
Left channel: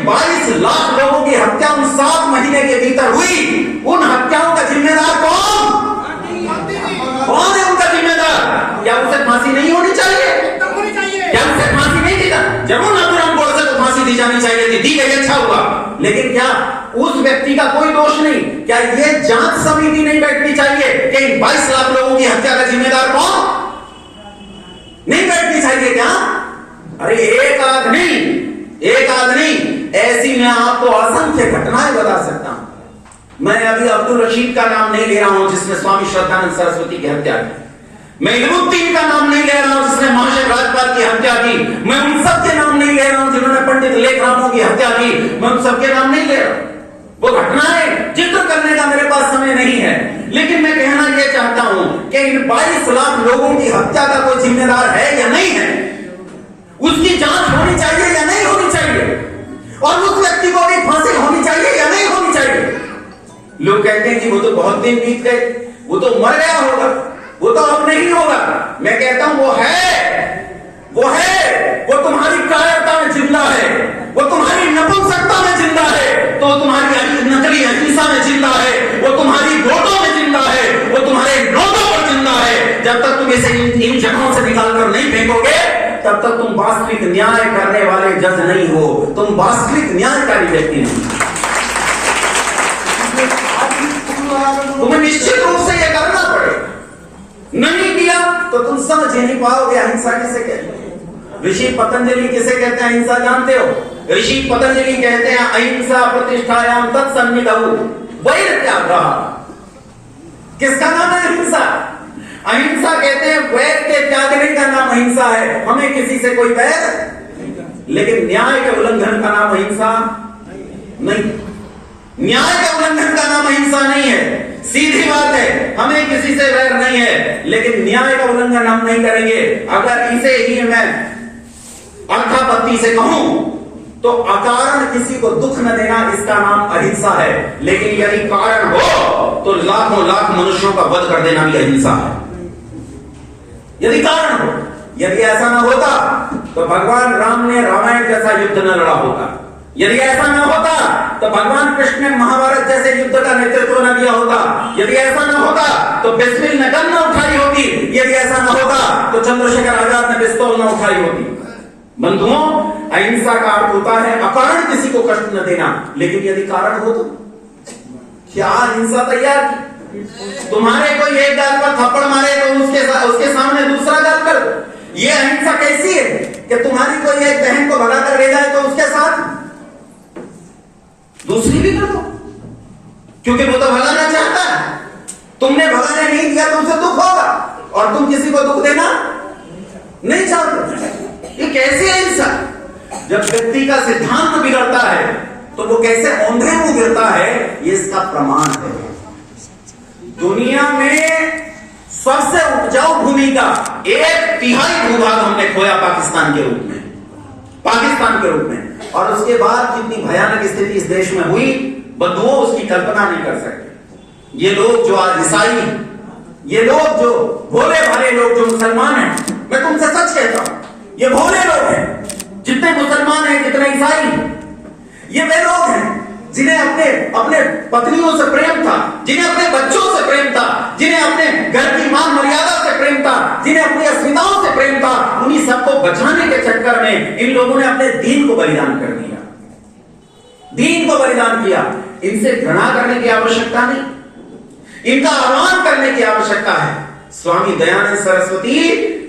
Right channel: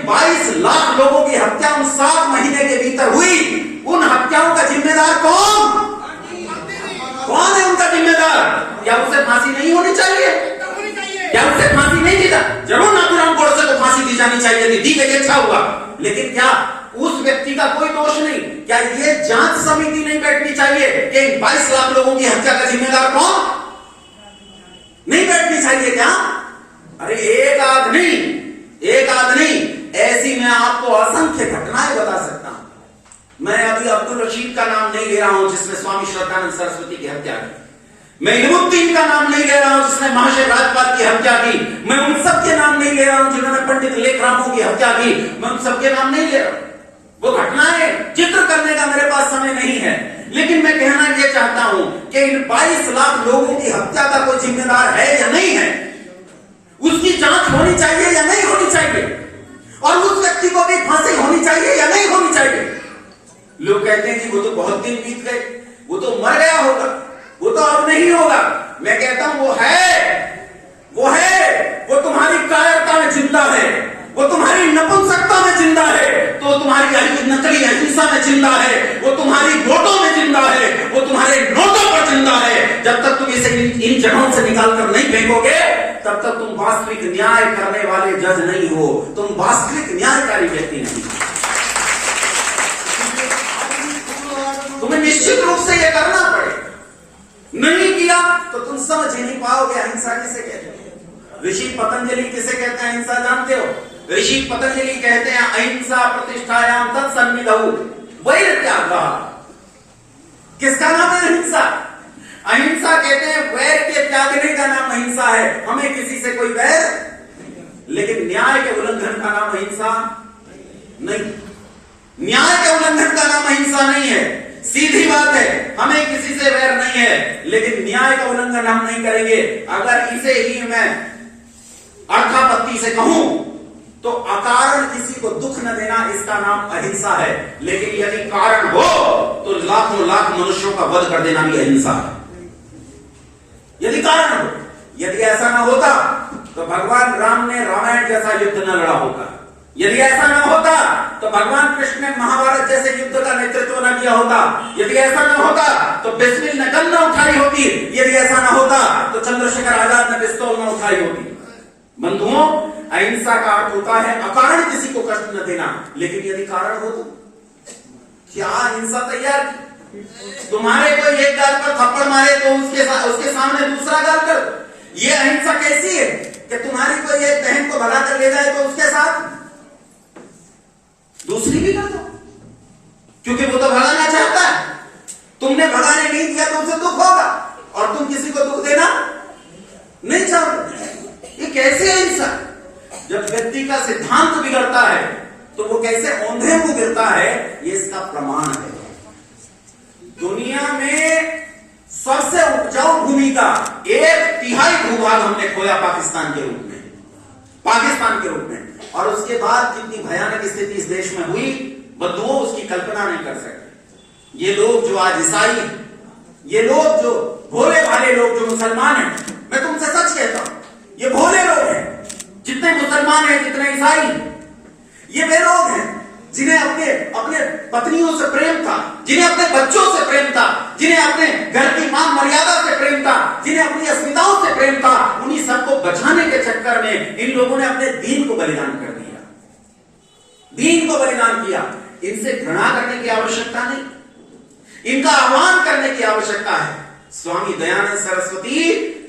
22 लाख लोगों की हत्या उन 7 महीने के भीतर हुई, उन हत्याओं का जिम्मेदार कौन है? उनका जिम्मेदार? क्या उसे फांसी नहीं होनी चाहिए? क्या उसे फांसी नहीं दी? जरूर नाथूराम गोडसे को फांसी दी जानी चाहिए थी, दी गई, अच्छा हुआ। लेकिन क्या उस व्यक्ति का कोई दोष नहीं? क्या ये जांच समिति नहीं बैठनी चाहिए कि 22 लाख लोगों की हत्या का जिम्मेदार कौन? नहीं बैठनी चाहिए क्या? अरे एक आध नहीं, ऐसी मैं आपको असंख्य घटनाएं बता सकता हूं। मैं अभी अब्दुल रशीद का नाम नहीं ले रहा हूं जिसने स्वामी श्रद्धानंद सरस्वती की हत्या की। मैं इल्मुद्दीन का नाम नहीं ले रहा हूं जिसने महाशय राजपाल की हत्या की। मैं उन सबके नाम नहीं ले रहा हूं जिन्होंने पंडित लेखरामों की हत्या की। मैं उन सबके नाम नहीं ले रहा हूं। वो घटनाएं जिक्र करने का मेरे पास समय नहीं है। लेकिन मैं कहना यह चाहता हूं कि इन 22 लाख लोगों की हत्या का कोई जिम्मेदार है या नहीं है, उसकी जांच होनी चाहिए या नहीं होनी चाहिए, और उस व्यक्ति को भी फांसी होनी चाहिए या नहीं होनी चाहिए। लोग कहते हैं कि वो तो बहुत दिन बीत गए, वो तो मर गया होगा, वो तो अब नहीं होगा। मैं कहता हूं वो तुम्हारी कायरता में जिंदा है, वो तुम्हारी नपुंसकता में जिंदा है, तो तुम्हारी नकली अहिंसा में जिंदा है, वो तुम्हारी वोटों में जिंदा है, वो तुम्हारे नोटों पर जिंदा है। जब तक तुम इसे इन जगहों से निकाल कर नहीं फेंकोगे, तब तक तुम वास्तविक न्याय करने वाले जज नहीं हो, तुम वास्तविक न्यायकारी व्यक्ति नहीं। तुम्हें निश्चित रूप से यह करना पड़ेगा। नहीं किया तो तुम समझ ही नहीं पाओगे अहिंसा किसे कहते हैं। ऋषि पतंजलि किसे कहते हैं अहिंसा जानते हो? ऋषि पतंजलि कहते हैं अहिंसा प्रतिष्ठायाम तत्सन्निधौ वैरत्यागः। किसका नाम है अहिंसा? अहिंसा कहते हैं वैर के त्यागने का नाम अहिंसा है। हमें किसी से कोई वैर, लेकिन न्याय के उल्लंघन का नाम अहिंसा नहीं। न्याय के उल्लंघन का नाम अहिंसा नहीं है। सीधी बात है, हमें किसी से वैर नहीं है, लेकिन न्याय का उल्लंघन हम नहीं करेंगे। अगर इसे ही मैं अर्थापत्ति से कहूं तो अकारण किसी को दुख न देना, इसका नाम अहिंसा है। लेकिन यदि कारण हो तो लाखों लाख मनुष्यों का वध कर देना भी अहिंसा है, यदि कारण हो। यदि ऐसा न होता तो भगवान राम ने रामायण जैसा युद्ध न लड़ा होता। यदि ऐसा न होता तो भगवान कृष्ण ने महाभारत जैसे युद्ध का नेतृत्व न किया होता। यदि ऐसा न होता तो बिस्मिल ने गन न उठाई होती। यदि ऐसा न होता तो चंद्रशेखर आजाद ने पिस्तौल न उठाई होती। बंधुओं, अहिंसा का अर्थ होता है अकारण किसी को कष्ट न देना। लेकिन यदि कारण हो तो क्या अहिंसा तैयार की? तुम्हारे को एक गाल पर थप्पड़ मारे तो उसके सामने दूसरा गाल कर दो। ये अहिंसा कैसी है कि तुम्हारी कोई एक बहन को भगा कर ले जाए तो उसके साथ दूसरी भी कर दो, क्योंकि वो तो भगाना चाहता है। तुमने भगाने नहीं दिया तो उसे दुख होगा, और तुम किसी को दुख देना नहीं चाहते। ये कैसे अहिंसा? जब व्यक्ति का सिद्धांत बिगड़ता है तो वो कैसे औंधे मुंह गिरता है, ये इसका प्रमाण है। दुनिया में सबसे उपजाऊ भूमि का 1/3 भूभाग हमने खोया पाकिस्तान के रूप में, और उसके बाद जितनी भयानक स्थिति इस देश में हुई बंधुओं उसकी कल्पना नहीं कर सकते। ये लोग जो आज ईसाई हैं, ये लोग जो भोले भाले लोग जो मुसलमान हैं, मैं तुमसे सच कहता हूं, ये भोले लोग हैं। जितने मुसलमान हैं, जितने ईसाई हैं, ये वे लोग हैं जिन्हें अपने अपने पत्नियों से प्रेम था, जिन्हें अपने बच्चों से प्रेम था, जिन्हें अपने घर की मान मर्यादा से प्रेम था, जिन्हें अपनी अस्मिताओं से प्रेम था। उन्हीं सबको बचाने के चक्कर में इन लोगों ने अपने दीन को बलिदान कर दिया, दीन को बलिदान किया। इनसे घृणा करने की आवश्यकता नहीं, इनका आह्वान करने की आवश्यकता है। स्वामी दयानंद सरस्वती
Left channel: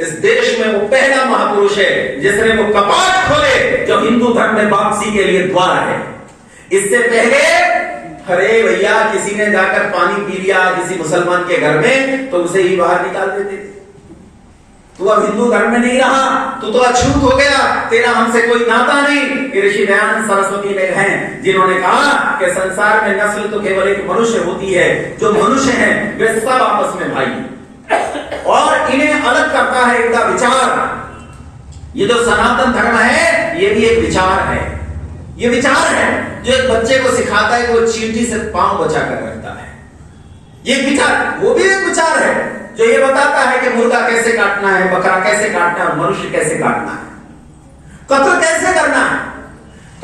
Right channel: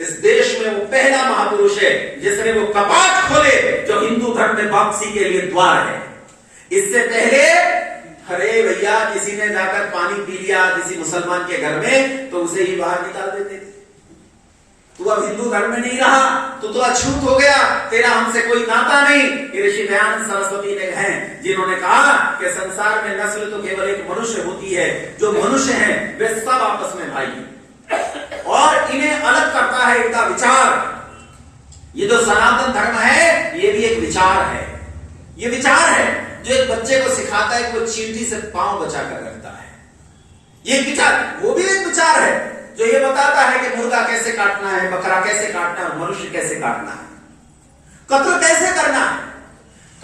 इस देश में वो पहला महापुरुष है जिसने वो कपाट खोले जो हिंदू धर्म में वापसी के लिए द्वार है। इससे पहले अरे भैया किसी ने जाकर पानी पी लिया किसी मुसलमान के घर में तो उसे ही बाहर निकाल देते। तू अब हिंदू धर्म में नहीं रहा, तू तो अछूत हो गया, तेरा हमसे कोई नाता नहीं। ऋषि दयानंद सरस्वती ने हैं जिन्होंने कहा कि संसार में नस्ल तो केवल एक मनुष्य होती है, जो मनुष्य हैं वे सब आपस में भाई, और इन्हें अलग करता है इनका विचार। ये जो सनातन धर्म है ये भी एक विचार है, ये विचार है जो एक बच्चे को सिखाता है कि वो चींटी से पांव बचा कर रखता है। ये विचार, वो भी एक विचार है जो ये बताता है कि मुर्गा कैसे काटना है, बकरा कैसे काटना है, मनुष्य कैसे काटना है, कत्ल कैसे करना है।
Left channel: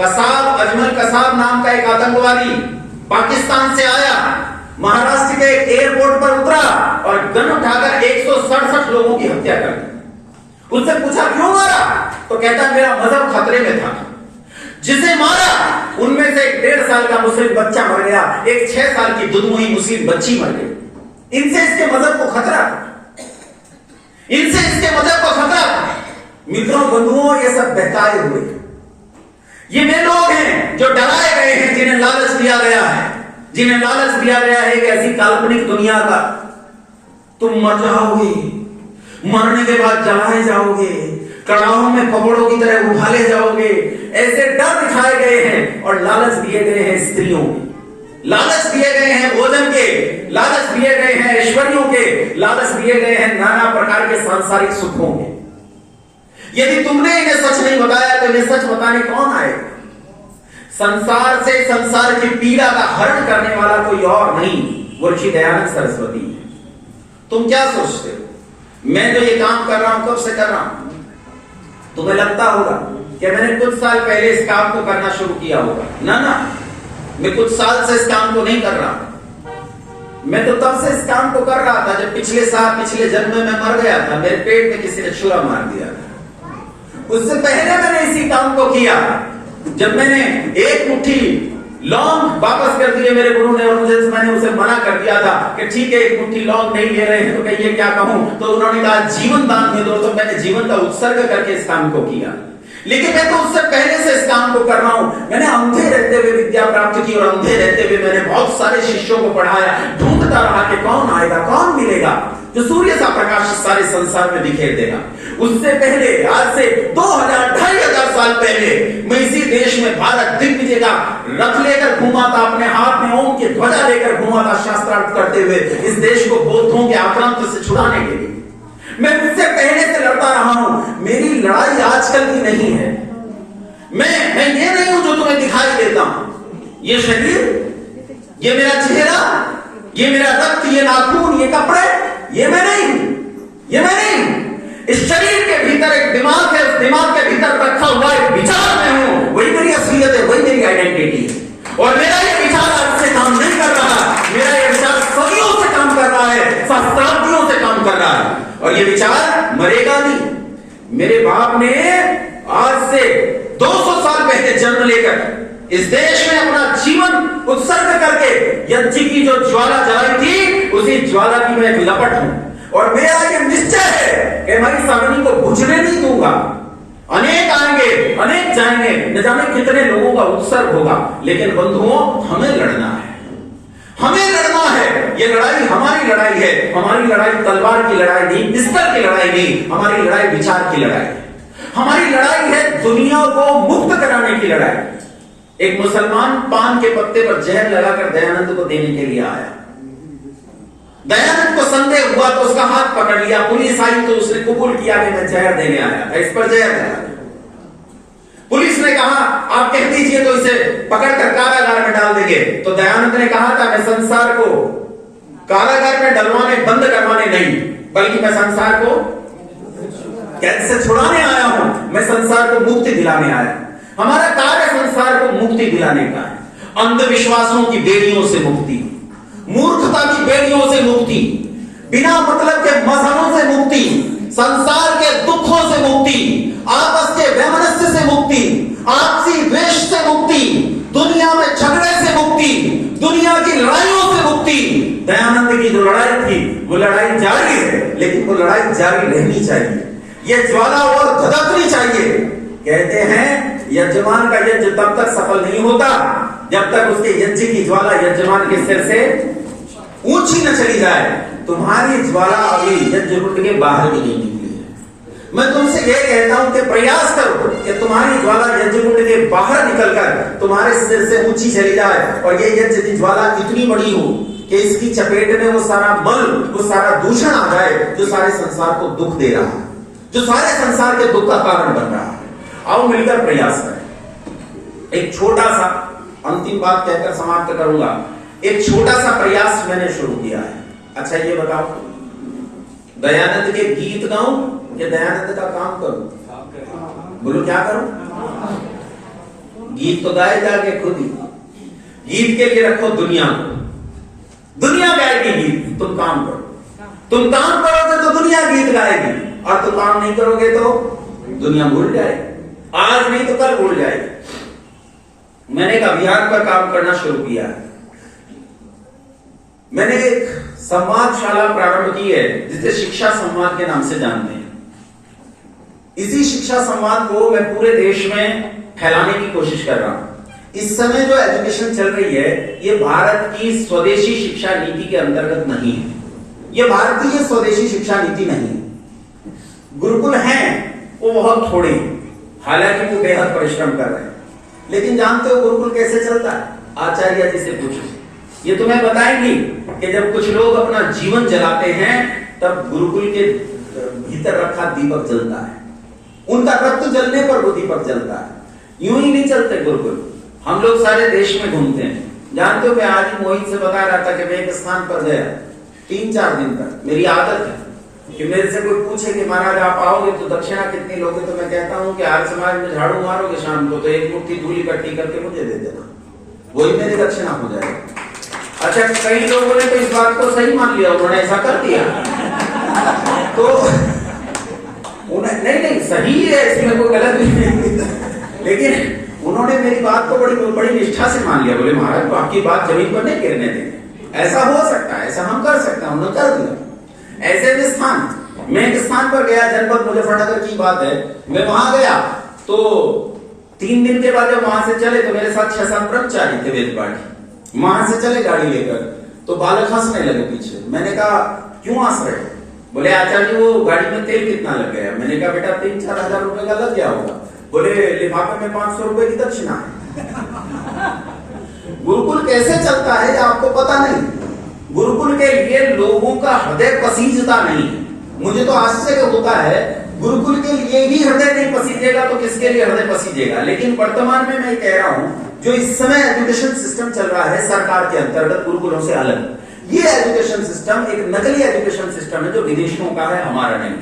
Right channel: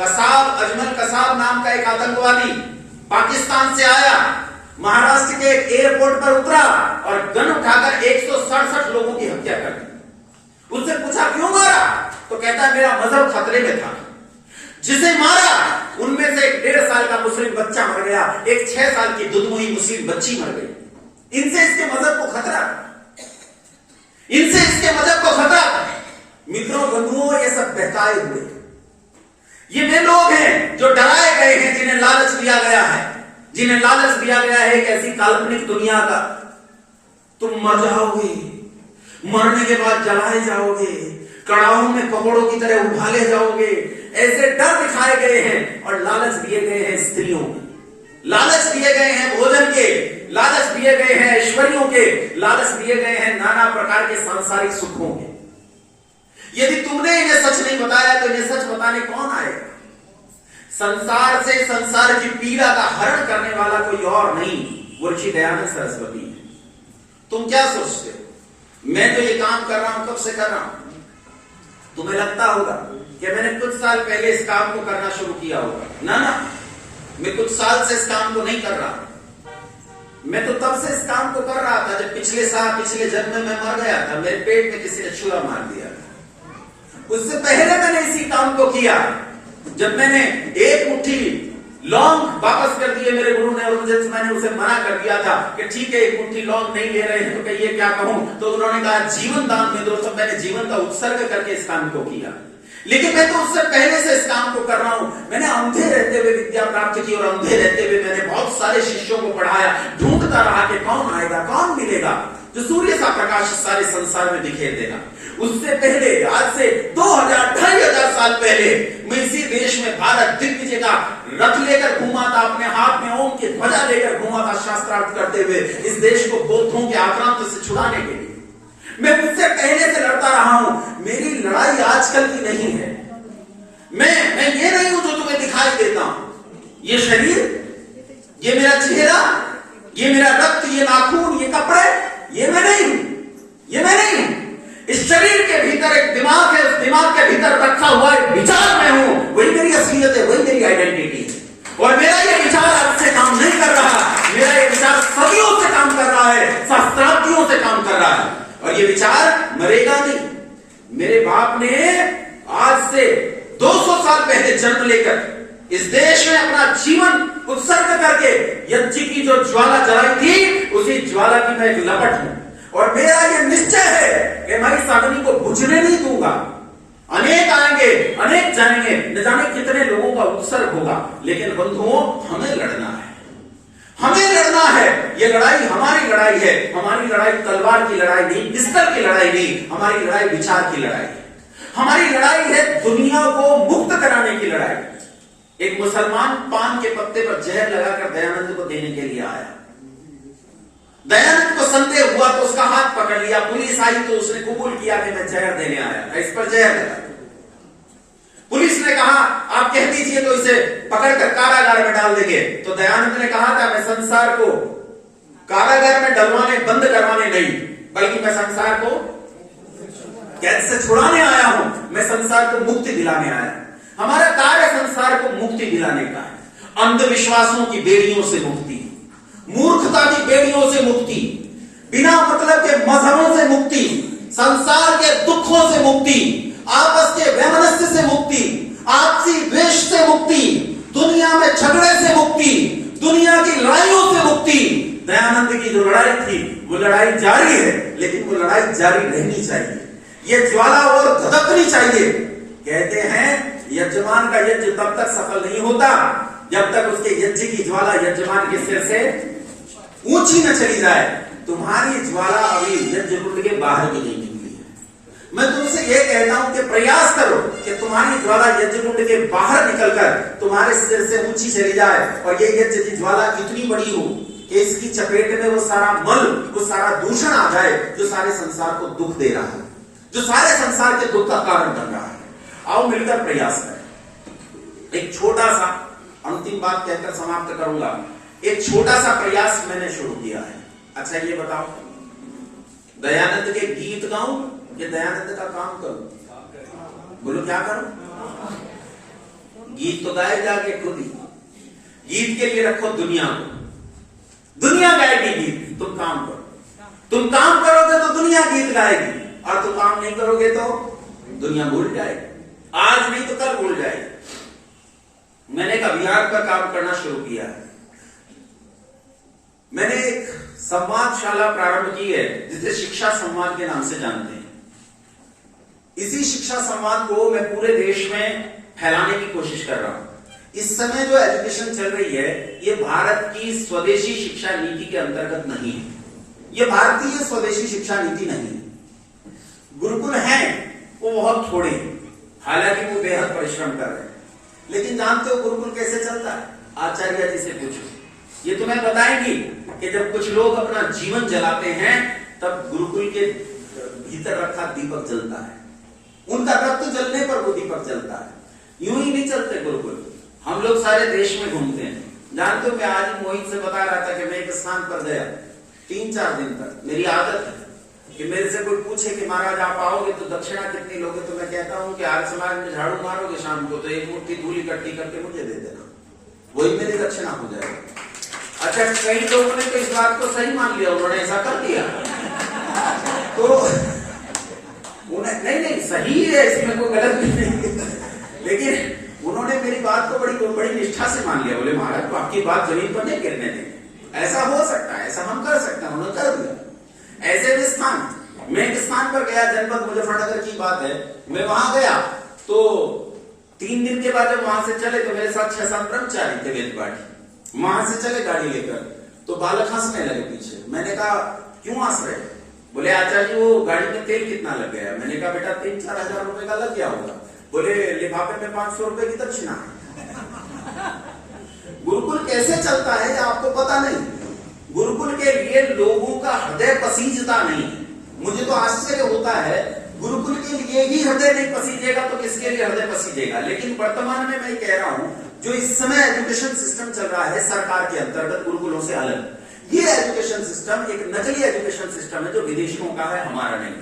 कसाब, अजमल कसाब नाम का एक आतंकवादी पाकिस्तान से आया, महाराष्ट्र के एयरपोर्ट पर उतरा और गन उठाकर 167 लोगों की हत्या कर दी। उससे पूछा क्यों मारा, तो कहता मेरा मजहब खतरे में था। जिसे मारा उनमें से एक 1.5 साल का मुस्लिम बच्चा मर गया, एक 6 साल की दुधमुही मुस्लिम बच्ची मर गई। इनसे इसके मजहब को खतरा, इनसे इसके मजहब को खतरा। मित्रों बंधुओं ये सब बहकाए हुए, ये वे लोग हैं जो डराए गए हैं, जिन्हें लालच दिया गया है, जिन्हें लालच दिया गया है एक ऐसी काल्पनिक दुनिया का, तुम मर जाओगे, मरने के बाद जलाए जाओगे, कड़ाहों में कपड़ों की तरह उबाले जाओगे, ऐसे डर दिखाए गए हैं। और लालच दिए गए हैं स्त्रियों के, लालच दिए गए हैं भोजन के, लालच दिए गए हैं ऐश्वर्यों के, लालच दिए गए हैं नाना प्रकार के सांसारिक सुखों के। यदि तुमने इन्हें सच नहीं बताया तो इन्हें सच बताने कौन आएगा? संसार से संसार की पीड़ा का हरण करने वाला कोई और नहीं, वो ऋषि दयानंद सरस्वती है। तुम क्या सोचते हो मैं जो ये काम कर रहा हूं कब से कर रहा हूं? तुम्हें लगता होगा कि मैंने कुछ साल पहले इस काम को करना शुरू किया होगा। ना ना, मैं कुछ साल से इस काम को नहीं कर रहा, मैं तो तब से इस काम को कर रहा था जब पिछले साल, पिछले जन्म में मैं मर गया था, मेरे पेट में किसी ने छुरा मार दिया। उससे पहले मैंने इसी काम को किया जब मैंने एक मुट्ठी लौंग वापस कर दिए मेरे गुरु ने, और मुझे मैंने उसे मना कर दिया था कि ठीक है एक मुट्ठी लौंग नहीं ले रहे तो कहिए क्या कहूं, तो उन्होंने कहा जीवन दान में दो, तो मैंने जीवन का उत्सर्ग करके इस काम को किया। लेकिन मैं तो उससे पहले से इस काम को कर रहा हूं। मैंने अंधे रहते हुए विद्या प्राप्त की, और अंधे रहते हुए मैंने बहुत सारे शिष्यों को पढ़ाया, ढूंढता रहा कि कौन आएगा, कौन मिलेगा जो सूर्य सा प्रकाश सारे संसार में दिखाई देगा। उससे पहले, आज से 2000-2500 साल पहले मैं इसी देश में भारत दिग्विजय का रथ लेकर घूमा था, अपने हाथ में ओम की ध्वजा लेकर घूमा था, शास्त्रार्थ करते हुए इस देश को बौद्धों के आक्रांत से छुड़ाने के लिए। मैं मुझसे पहले से लड़ता रहा हूं। मेरी लड़ाई आजकल की नहीं है। मैं ये नहीं हूं जो तुम्हें दिखाई देता हूं। ये शरीर, ये मेरा चेहरा, ये मेरा रक्त, ये नाखून, ये कपड़े, ये मैं नहीं हूं, ये मैं नहीं हूं। इस शरीर के भीतर एक दिमाग है, उस दिमाग के भीतर रखा हुआ एक विचार मैं हूं, वही मेरी असलियत है, वही मेरी आइडेंटिटी है। और मेरा ये विचार आज से काम नहीं कर रहा, मेरा ये विचार सदियों से काम कर रहा है, सहस्त्राब्दियों से काम कर रहा है, और ये विचार मरेगा नहीं। मेरे बाप ने आज से 200 साल पहले जन्म लेकर इस देश में अपना जीवन उत्सर्ग करके यज्ञ की जो ज्वाला जलाई थी, उसी ज्वाला की मैं लपट हूं। और मेरा ये निश्चय है कि मैं इस अग्नि को बुझने नहीं दूंगा। अनेक आएंगे, अनेक जाएंगे, न जाने कितने लोगों का उत्सर्ग होगा, लेकिन बंधुओं हमें लड़ना है, हमें लड़ना है। ये लड़ाई हमारी लड़ाई है। हमारी लड़ाई तलवार की लड़ाई नहीं, पिस्तल की लड़ाई नहीं, हमारी लड़ाई विचार की लड़ाई है। हमारी लड़ाई है दुनिया को मुक्त कराने की लड़ाई। एक मुसलमान पान के पत्ते पर जहर लगाकर दयानंद को देने के लिए आया। दयानंद को संदेह हुआ तो उसका हाथ पकड़ लिया, पुलिस आई तो उसने कबूल किया कि मैं जहर देने आया, इस पर जहर लगा। पुलिस ने कहा आप कह दीजिए तो इसे पकड़कर कारागार में डाल देंगे। तो दयानंद ने कहा था मैं संसार को कारागार में डलवाने बंद करवाने नहीं, बल्कि मैं संसार को कैद से छुड़ाने आया हूं, मैं संसार को मुक्ति दिलाने आया। हमारा कार्य संसार को मुक्ति दिलाने का है। अंधविश्वासों की बेड़ियों से मुक्ति, मूर्खता की बेड़ियों से मुक्ति, बिना मतलब के मजहबों से मुक्ति, संसार के दुखों से मुक्ति, आपस के वैमनस्य से मुक्ति, आपसी द्वेष से मुक्ति, दुनिया में झगड़े से मुक्ति, दुनिया की लड़ाइयों से मुक्ति। दयानंद की जो लड़ाई थी वो लड़ाई जारी है, लेकिन वो लड़ाई जारी रहनी चाहिए। ये ज्वाला और धधकनी चाहिए। कहते हैं यजमान का यज्ञ तब तक सफल नहीं होता जब तक उसके यज्ञ की ज्वाला यजमान के सिर से ऊंची न चली जाए। तुम्हारी ज्वाला अभी यज्ञ कुंड के बाहर भी नहीं निकली है। मैं तुमसे ये कहता हूं कि प्रयास करो कि तुम्हारी ज्वाला यज्ञ कुंड के बाहर निकलकर तुम्हारे सिर से ऊंची चली जाए, और ये यज्ञ की ज्वाला इतनी बड़ी हो कि इसकी चपेट में वो सारा मल, वो सारा दूषण आ जाए जो सारे संसार को दुख दे रहा है, जो सारे संसार के दुख का कारण बन रहा है। आओ मिलकर प्रयास करें। एक छोटा सा अंतिम बात कहकर समाप्त करूंगा। एक छोटा सा प्रयास मैंने शुरू किया है। अच्छा ये बताओ, दयानंद के गीत गाऊं या दयानंद का काम करूं? बोलो क्या करूं? गीत तो गाए जाके खुद ही। गीत के लिए रखो दुनिया को, दुनिया गाएगी गीत, तुम काम करो। तुम काम करोगे तो दुनिया गीत गाएगी, और तुम काम नहीं करोगे तो दुनिया भूल जाएगी। आज नहीं तो कल भूल जाएगी। मैंने एक अभियान पर काम करना शुरू किया है। मैंने एक संवादशाला प्रारंभ की है जिसे शिक्षा संवाद के नाम से जानते हैं। इसी शिक्षा संवाद को मैं पूरे देश में फैलाने की कोशिश कर रहा हूं। इस समय जो एजुकेशन चल रही है ये भारत की स्वदेशी शिक्षा नीति के अंतर्गत नहीं है। ये भारतीय स्वदेशी शिक्षा नीति नहीं है। गुरुकुल हैं वो बहुत थोड़े, हालांकि वो बेहद परिश्रम कर रहे हैं। लेकिन जानते हो गुरुकुल कैसे चलता है? आचार्य जी से पूछो, ये तुम्हें बताएंगी कि जब कुछ लोग अपना जीवन जलाते हैं तब गुरुकुल के भीतर रखा दीपक जलता है। उनका रक्त जलने पर वो दीपक जलता है। यूं ही नहीं चलते गुरुकुल। हम लोग सारे देश में घूमते हैं। जानते हो मैं आज ही मोहित से बता रहा था कि मैं एक स्थान पर गया 3-4 दिन तक। मेरी आदत है कि मेरे से कोई पूछे कि महाराज आप आओगे तो दक्षिणा कितनी लोगे, तो मैं कहता हूं कि आर्य समाज में झाड़ू मारोगे शाम को तो एक मुट्ठी धूल इकट्ठी करके मुझे दे देना, वही मेरी दक्षिणा हो जाएगी। अच्छा कई लोगों ने तो इस बात को सही मान लिया, उन्होंने ऐसा कर दिया। तो उन्हें नहीं सही है, इसमें कोई गलत भी नहीं, लेकिन उन्होंने मेरी बात को बड़ी निष्ठा से मान लिया। बोले महाराज तो आपकी बात जमीन पर नहीं गिरने देंगे, ऐसा हो सकता है, ऐसा हम कर सकते हैं। उन्होंने कर दिया। ऐसे भी स्थान, मैं एक स्थान पर गया, जनपद मुजफ्फरनगर की बात है। मैं वहां गया तो 3 दिन के बाद जब वहां से चले तो मेरे साथ 6-7 कर्मचारी थे वेद पाठी। वहां से चले गाड़ी लेकर तो बालक हंसने लगे पीछे। मैंने कहा क्यों हंस रहे? बोले आचार्य जी वो गाड़ी में तेल कितना लग गया? मैंने कहा बेटा 3-4 हजार रुपए का लग गया होगा। बोले लिफाफे में 500 रुपए की दक्षिणा है। गुरुकुल कैसे चलता है आपको पता नहीं। गुरुकुल के लिए लोगों का हृदय पसीजता नहीं है। मुझे तो आश्चर्य होता है, गुरुकुल के लिए ही हृदय नहीं पसीजेगा तो किसके लिए हृदय पसीजेगा। लेकिन वर्तमान में मैं कह रहा हूं जो इस समय एजुकेशन सिस्टम चल रहा है सरकार के अंतर्गत गुरुकुलों से अलग, ये एजुकेशन सिस्टम एक नकली एजुकेशन सिस्टम है जो विदेशियों का है, हमारा नहीं।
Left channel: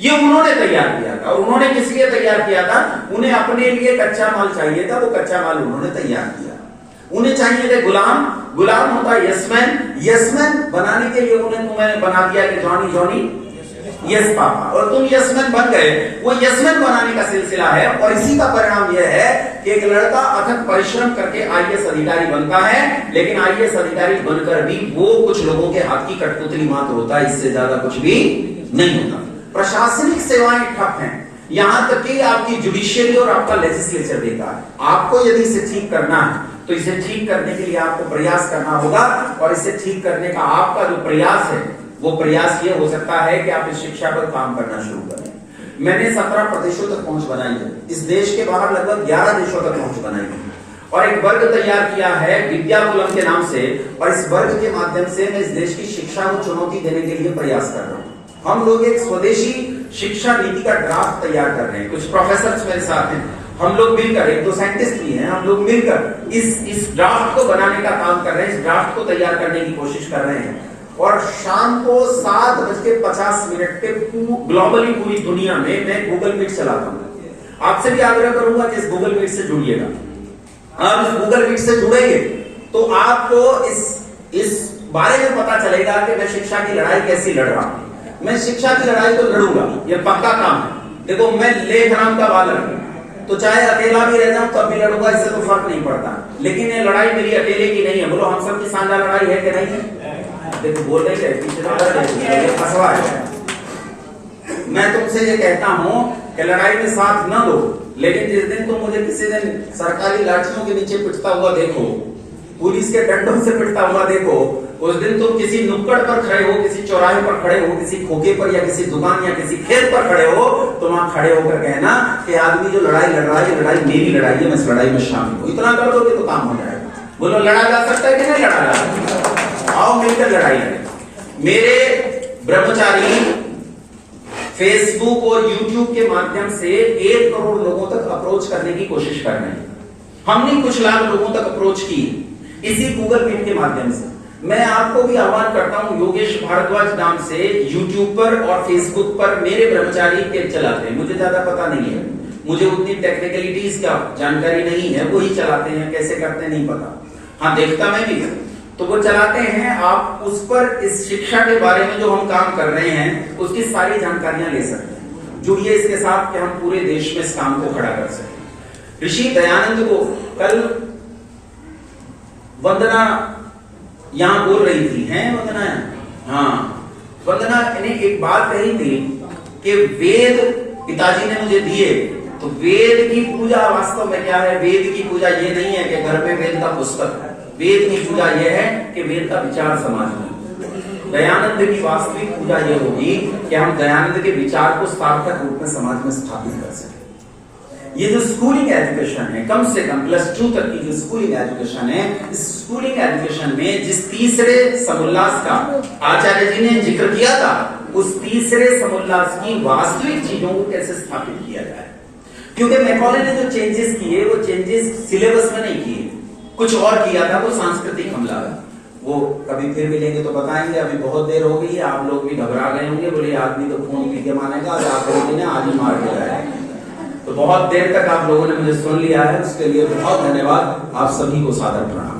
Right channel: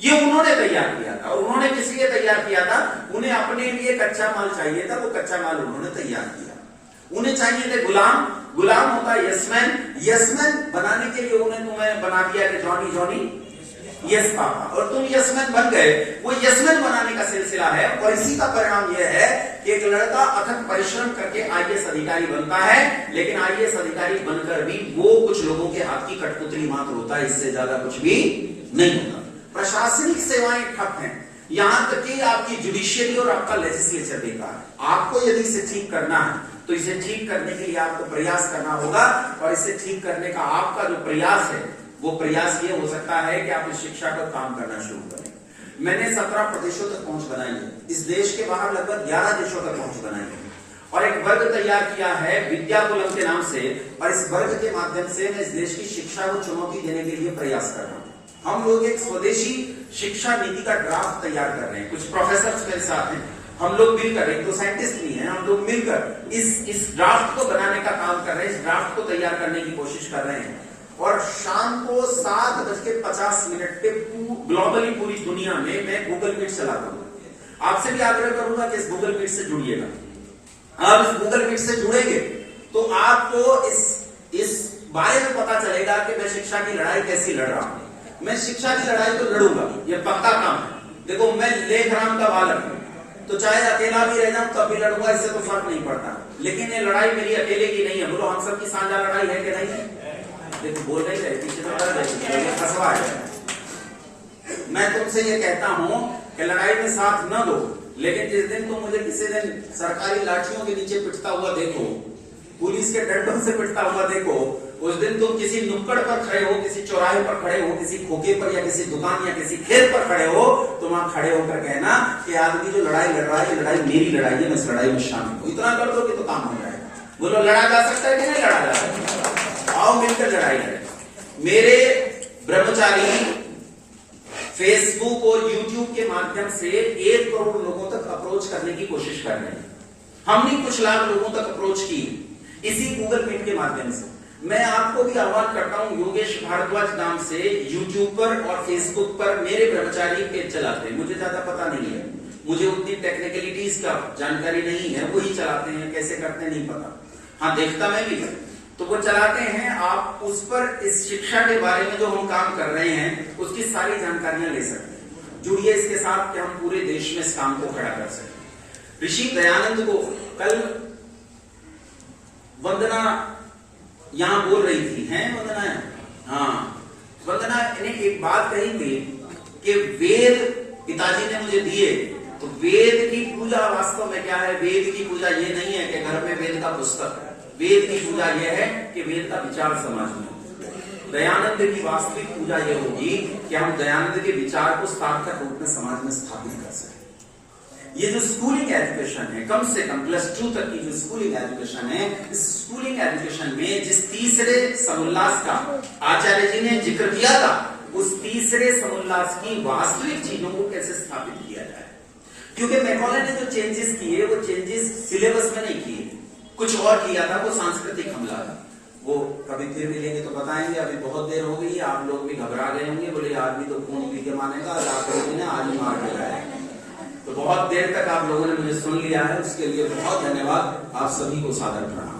ये उन्होंने तैयार किया था। उन्होंने किस लिए तैयार किया था? उन्हें अपने लिए कच्चा माल चाहिए था, वो कच्चा माल उन्होंने तैयार किया। उन्हें चाहिए थे गुलाम, गुलाम होता है यसमैन, यसमैन बनाने के लिए उन्हें तुम्हें बना दिया कि जॉनी जॉनी यस पापा, और तुम यसमैन बन गए। वो यसमैन बनाने का सिलसिला है, और इसी का परिणाम यह है कि एक लड़का अथक परिश्रम करके आईएएस अधिकारी बनता है, लेकिन आईएएस अधिकारी बनकर भी वो कुछ लोगों के हाथ की कठपुतली मात्र होता है, इससे ज्यादा कुछ भी नहीं होता। प्रशासनिक सेवाएं ठप हैं, यहां तक कि आपकी जुडिशियरी और आपका लेजिस्लेचर बेकार है। आपको यदि इसे ठीक करना है तो इसे ठीक करने के लिए आपको प्रयास करना होगा, और इसे ठीक करने का आपका जो प्रयास है वो प्रयास ये हो सकता है कि आप इस शिक्षा पर काम करना शुरू करें। मैंने 17 प्रदेशों तक पहुंच बनाई है, इस देश के बाहर लगभग 11 देशों तक पहुंच बनाई है, और एक वर्ग तैयार किया है विद्याकुलम के नाम से, और इस वर्ग के माध्यम से मैं इस देश की शिक्षा को चुनौती देने के लिए प्रयास कर रहा हूं। हम लोग एक स्वदेशी शिक्षा नीति का ड्राफ्ट तैयार कर रहे हैं, कुछ प्रोफेसर मेरे साथ हैं। हम लोग मिलकर, एक तो साइंटिस्ट भी हैं, हम लोग मिलकर इस ड्राफ्ट को बनाने का काम कर रहे हैं, इस ड्राफ्ट को तैयार करने की कोशिश कर रहे हैं। और शाम को 7:50 पे ग्लोबली पूरी दुनिया में मैं गूगल मीट चलाता हूं। आपसे भी आग्रह करूंगा कि इस गूगल मीट से जुड़िएगा। आप इस गूगल मीट से जुड़ेंगे तो आपको इस बारे में पता चलेगा कि मैं शिक्षा की लड़ाई कैसी लड़ रहा हूं। मैं शिक्षा की लड़ाई तो लड़ूंगा, ये पक्का काम है। देखो, मैं लेखराम का बालक हूं, तो चाहे अकेला भी रह जाऊं तब भी लड़ूंगा, इससे तो फर्क नहीं पड़ता। लेकिन ये लड़ाई मेरी अकेले की नहीं है। बोलो, हम सबकी साझा लड़ाई है कि नहीं है? देखो, बोल रहे हैं पीछे तो ये फसवा है। मैं तुमसे ये कहता हूं कि लड़ाई में साथ न दो, लेकिन जिस दिन तुम मुझे किसी दिन सरकारी लाठियों के नीचे पिटता हुआ देखो, पुलिस के डंडों से पिटता हुआ देखो, उस दिन तुम किसी नुक्कड़ पर खड़े हो, किसी चौराहे पर खड़े हो, किसी खोखे पर या किसी दुकान या किसी खेत पर खड़े हो, तुम वहां खड़े होकर कहना कि आदमी जो लड़ाई लड़ रहा है, ये लड़ाई मेरी लड़ाई है, मैं इस लड़ाई में शामिल हूं। इतना कर दोगे तो काम हो जाएगा। बोलो, लड़ा जा सकता है कि नहीं लड़ा जा सकता? आओ मिलकर लड़ाई लड़ें। मेरे ब्रह्मचारी फेसबुक और यूट्यूब के माध्यम से 1 करोड़ लोगों तक अप्रोच करने की कोशिश कर रहे हैं। हमने कुछ लाख लोगों तक अप्रोच की इसी गूगल मीट के माध्यम से। मैं आपको भी आह्वान करता हूं, योगेश भारद्वाज नाम से यूट्यूब पर और फेसबुक पर मेरे ब्रह्मचारी पेज चलाते हैं। मुझे ज्यादा पता नहीं है, मुझे उतनी टेक्निकलिटीज का जानकारी नहीं है, वही चलाते हैं, कैसे करते हैं नहीं पता। हाँ, देखता मैं भी, तो वो चलाते हैं। आप उस पर इस शिक्षा के बारे में जो हम काम कर रहे हैं उसकी सारी जानकारियां ले सकते हैं। जुड़िए इसके साथ कि हम पूरे देश में इस काम को खड़ा कर सकें। ऋषि दयानंद को कल वंदना यहां बोल रही थी, हैं वंदना? हाँ, वंदना ने एक बात कही थी कि वेद पिताजी ने मुझे दिए, तो वेद की पूजा वास्तव में क्या है? वेद की पूजा ये नहीं है कि घर में वेद का पुस्तक है। वेद की पूजा यह है कि वेद का विचार समाज में। दयानंद की वास्तविक पूजा यह होगी कि हम दयानंद के विचार को सार्थक रूप में समाज में स्थापित कर सकें। ये जो स्कूलिंग एजुकेशन है, कम से कम +2 तक की जो स्कूलिंग एजुकेशन है, इस स्कूलिंग एजुकेशन में जिस तीसरे समुल्लास का आचार्य जी ने जिक्र किया था, उस तीसरे समुल्लास की वास्तविक चीजों को कैसे स्थापित किया जाए। क्योंकि मैकॉले ने जो चेंजेस किए, वो चेंजेस सिलेबस में नहीं किए, कुछ और किया था, वो सांस्कृतिक हमला है। वो कभी फिर मिलेंगे तो बताएंगे। अभी बहुत देर हो गई, आप लोग भी घबरा गए होंगे, बोले आदमी तो खून पी के मानेगा, आज ही मार के लाया। तो बहुत देर तक आप लोगों ने मुझे सुन लिया है, उसके लिए बहुत धन्यवाद। आप सभी को सादर प्रणाम।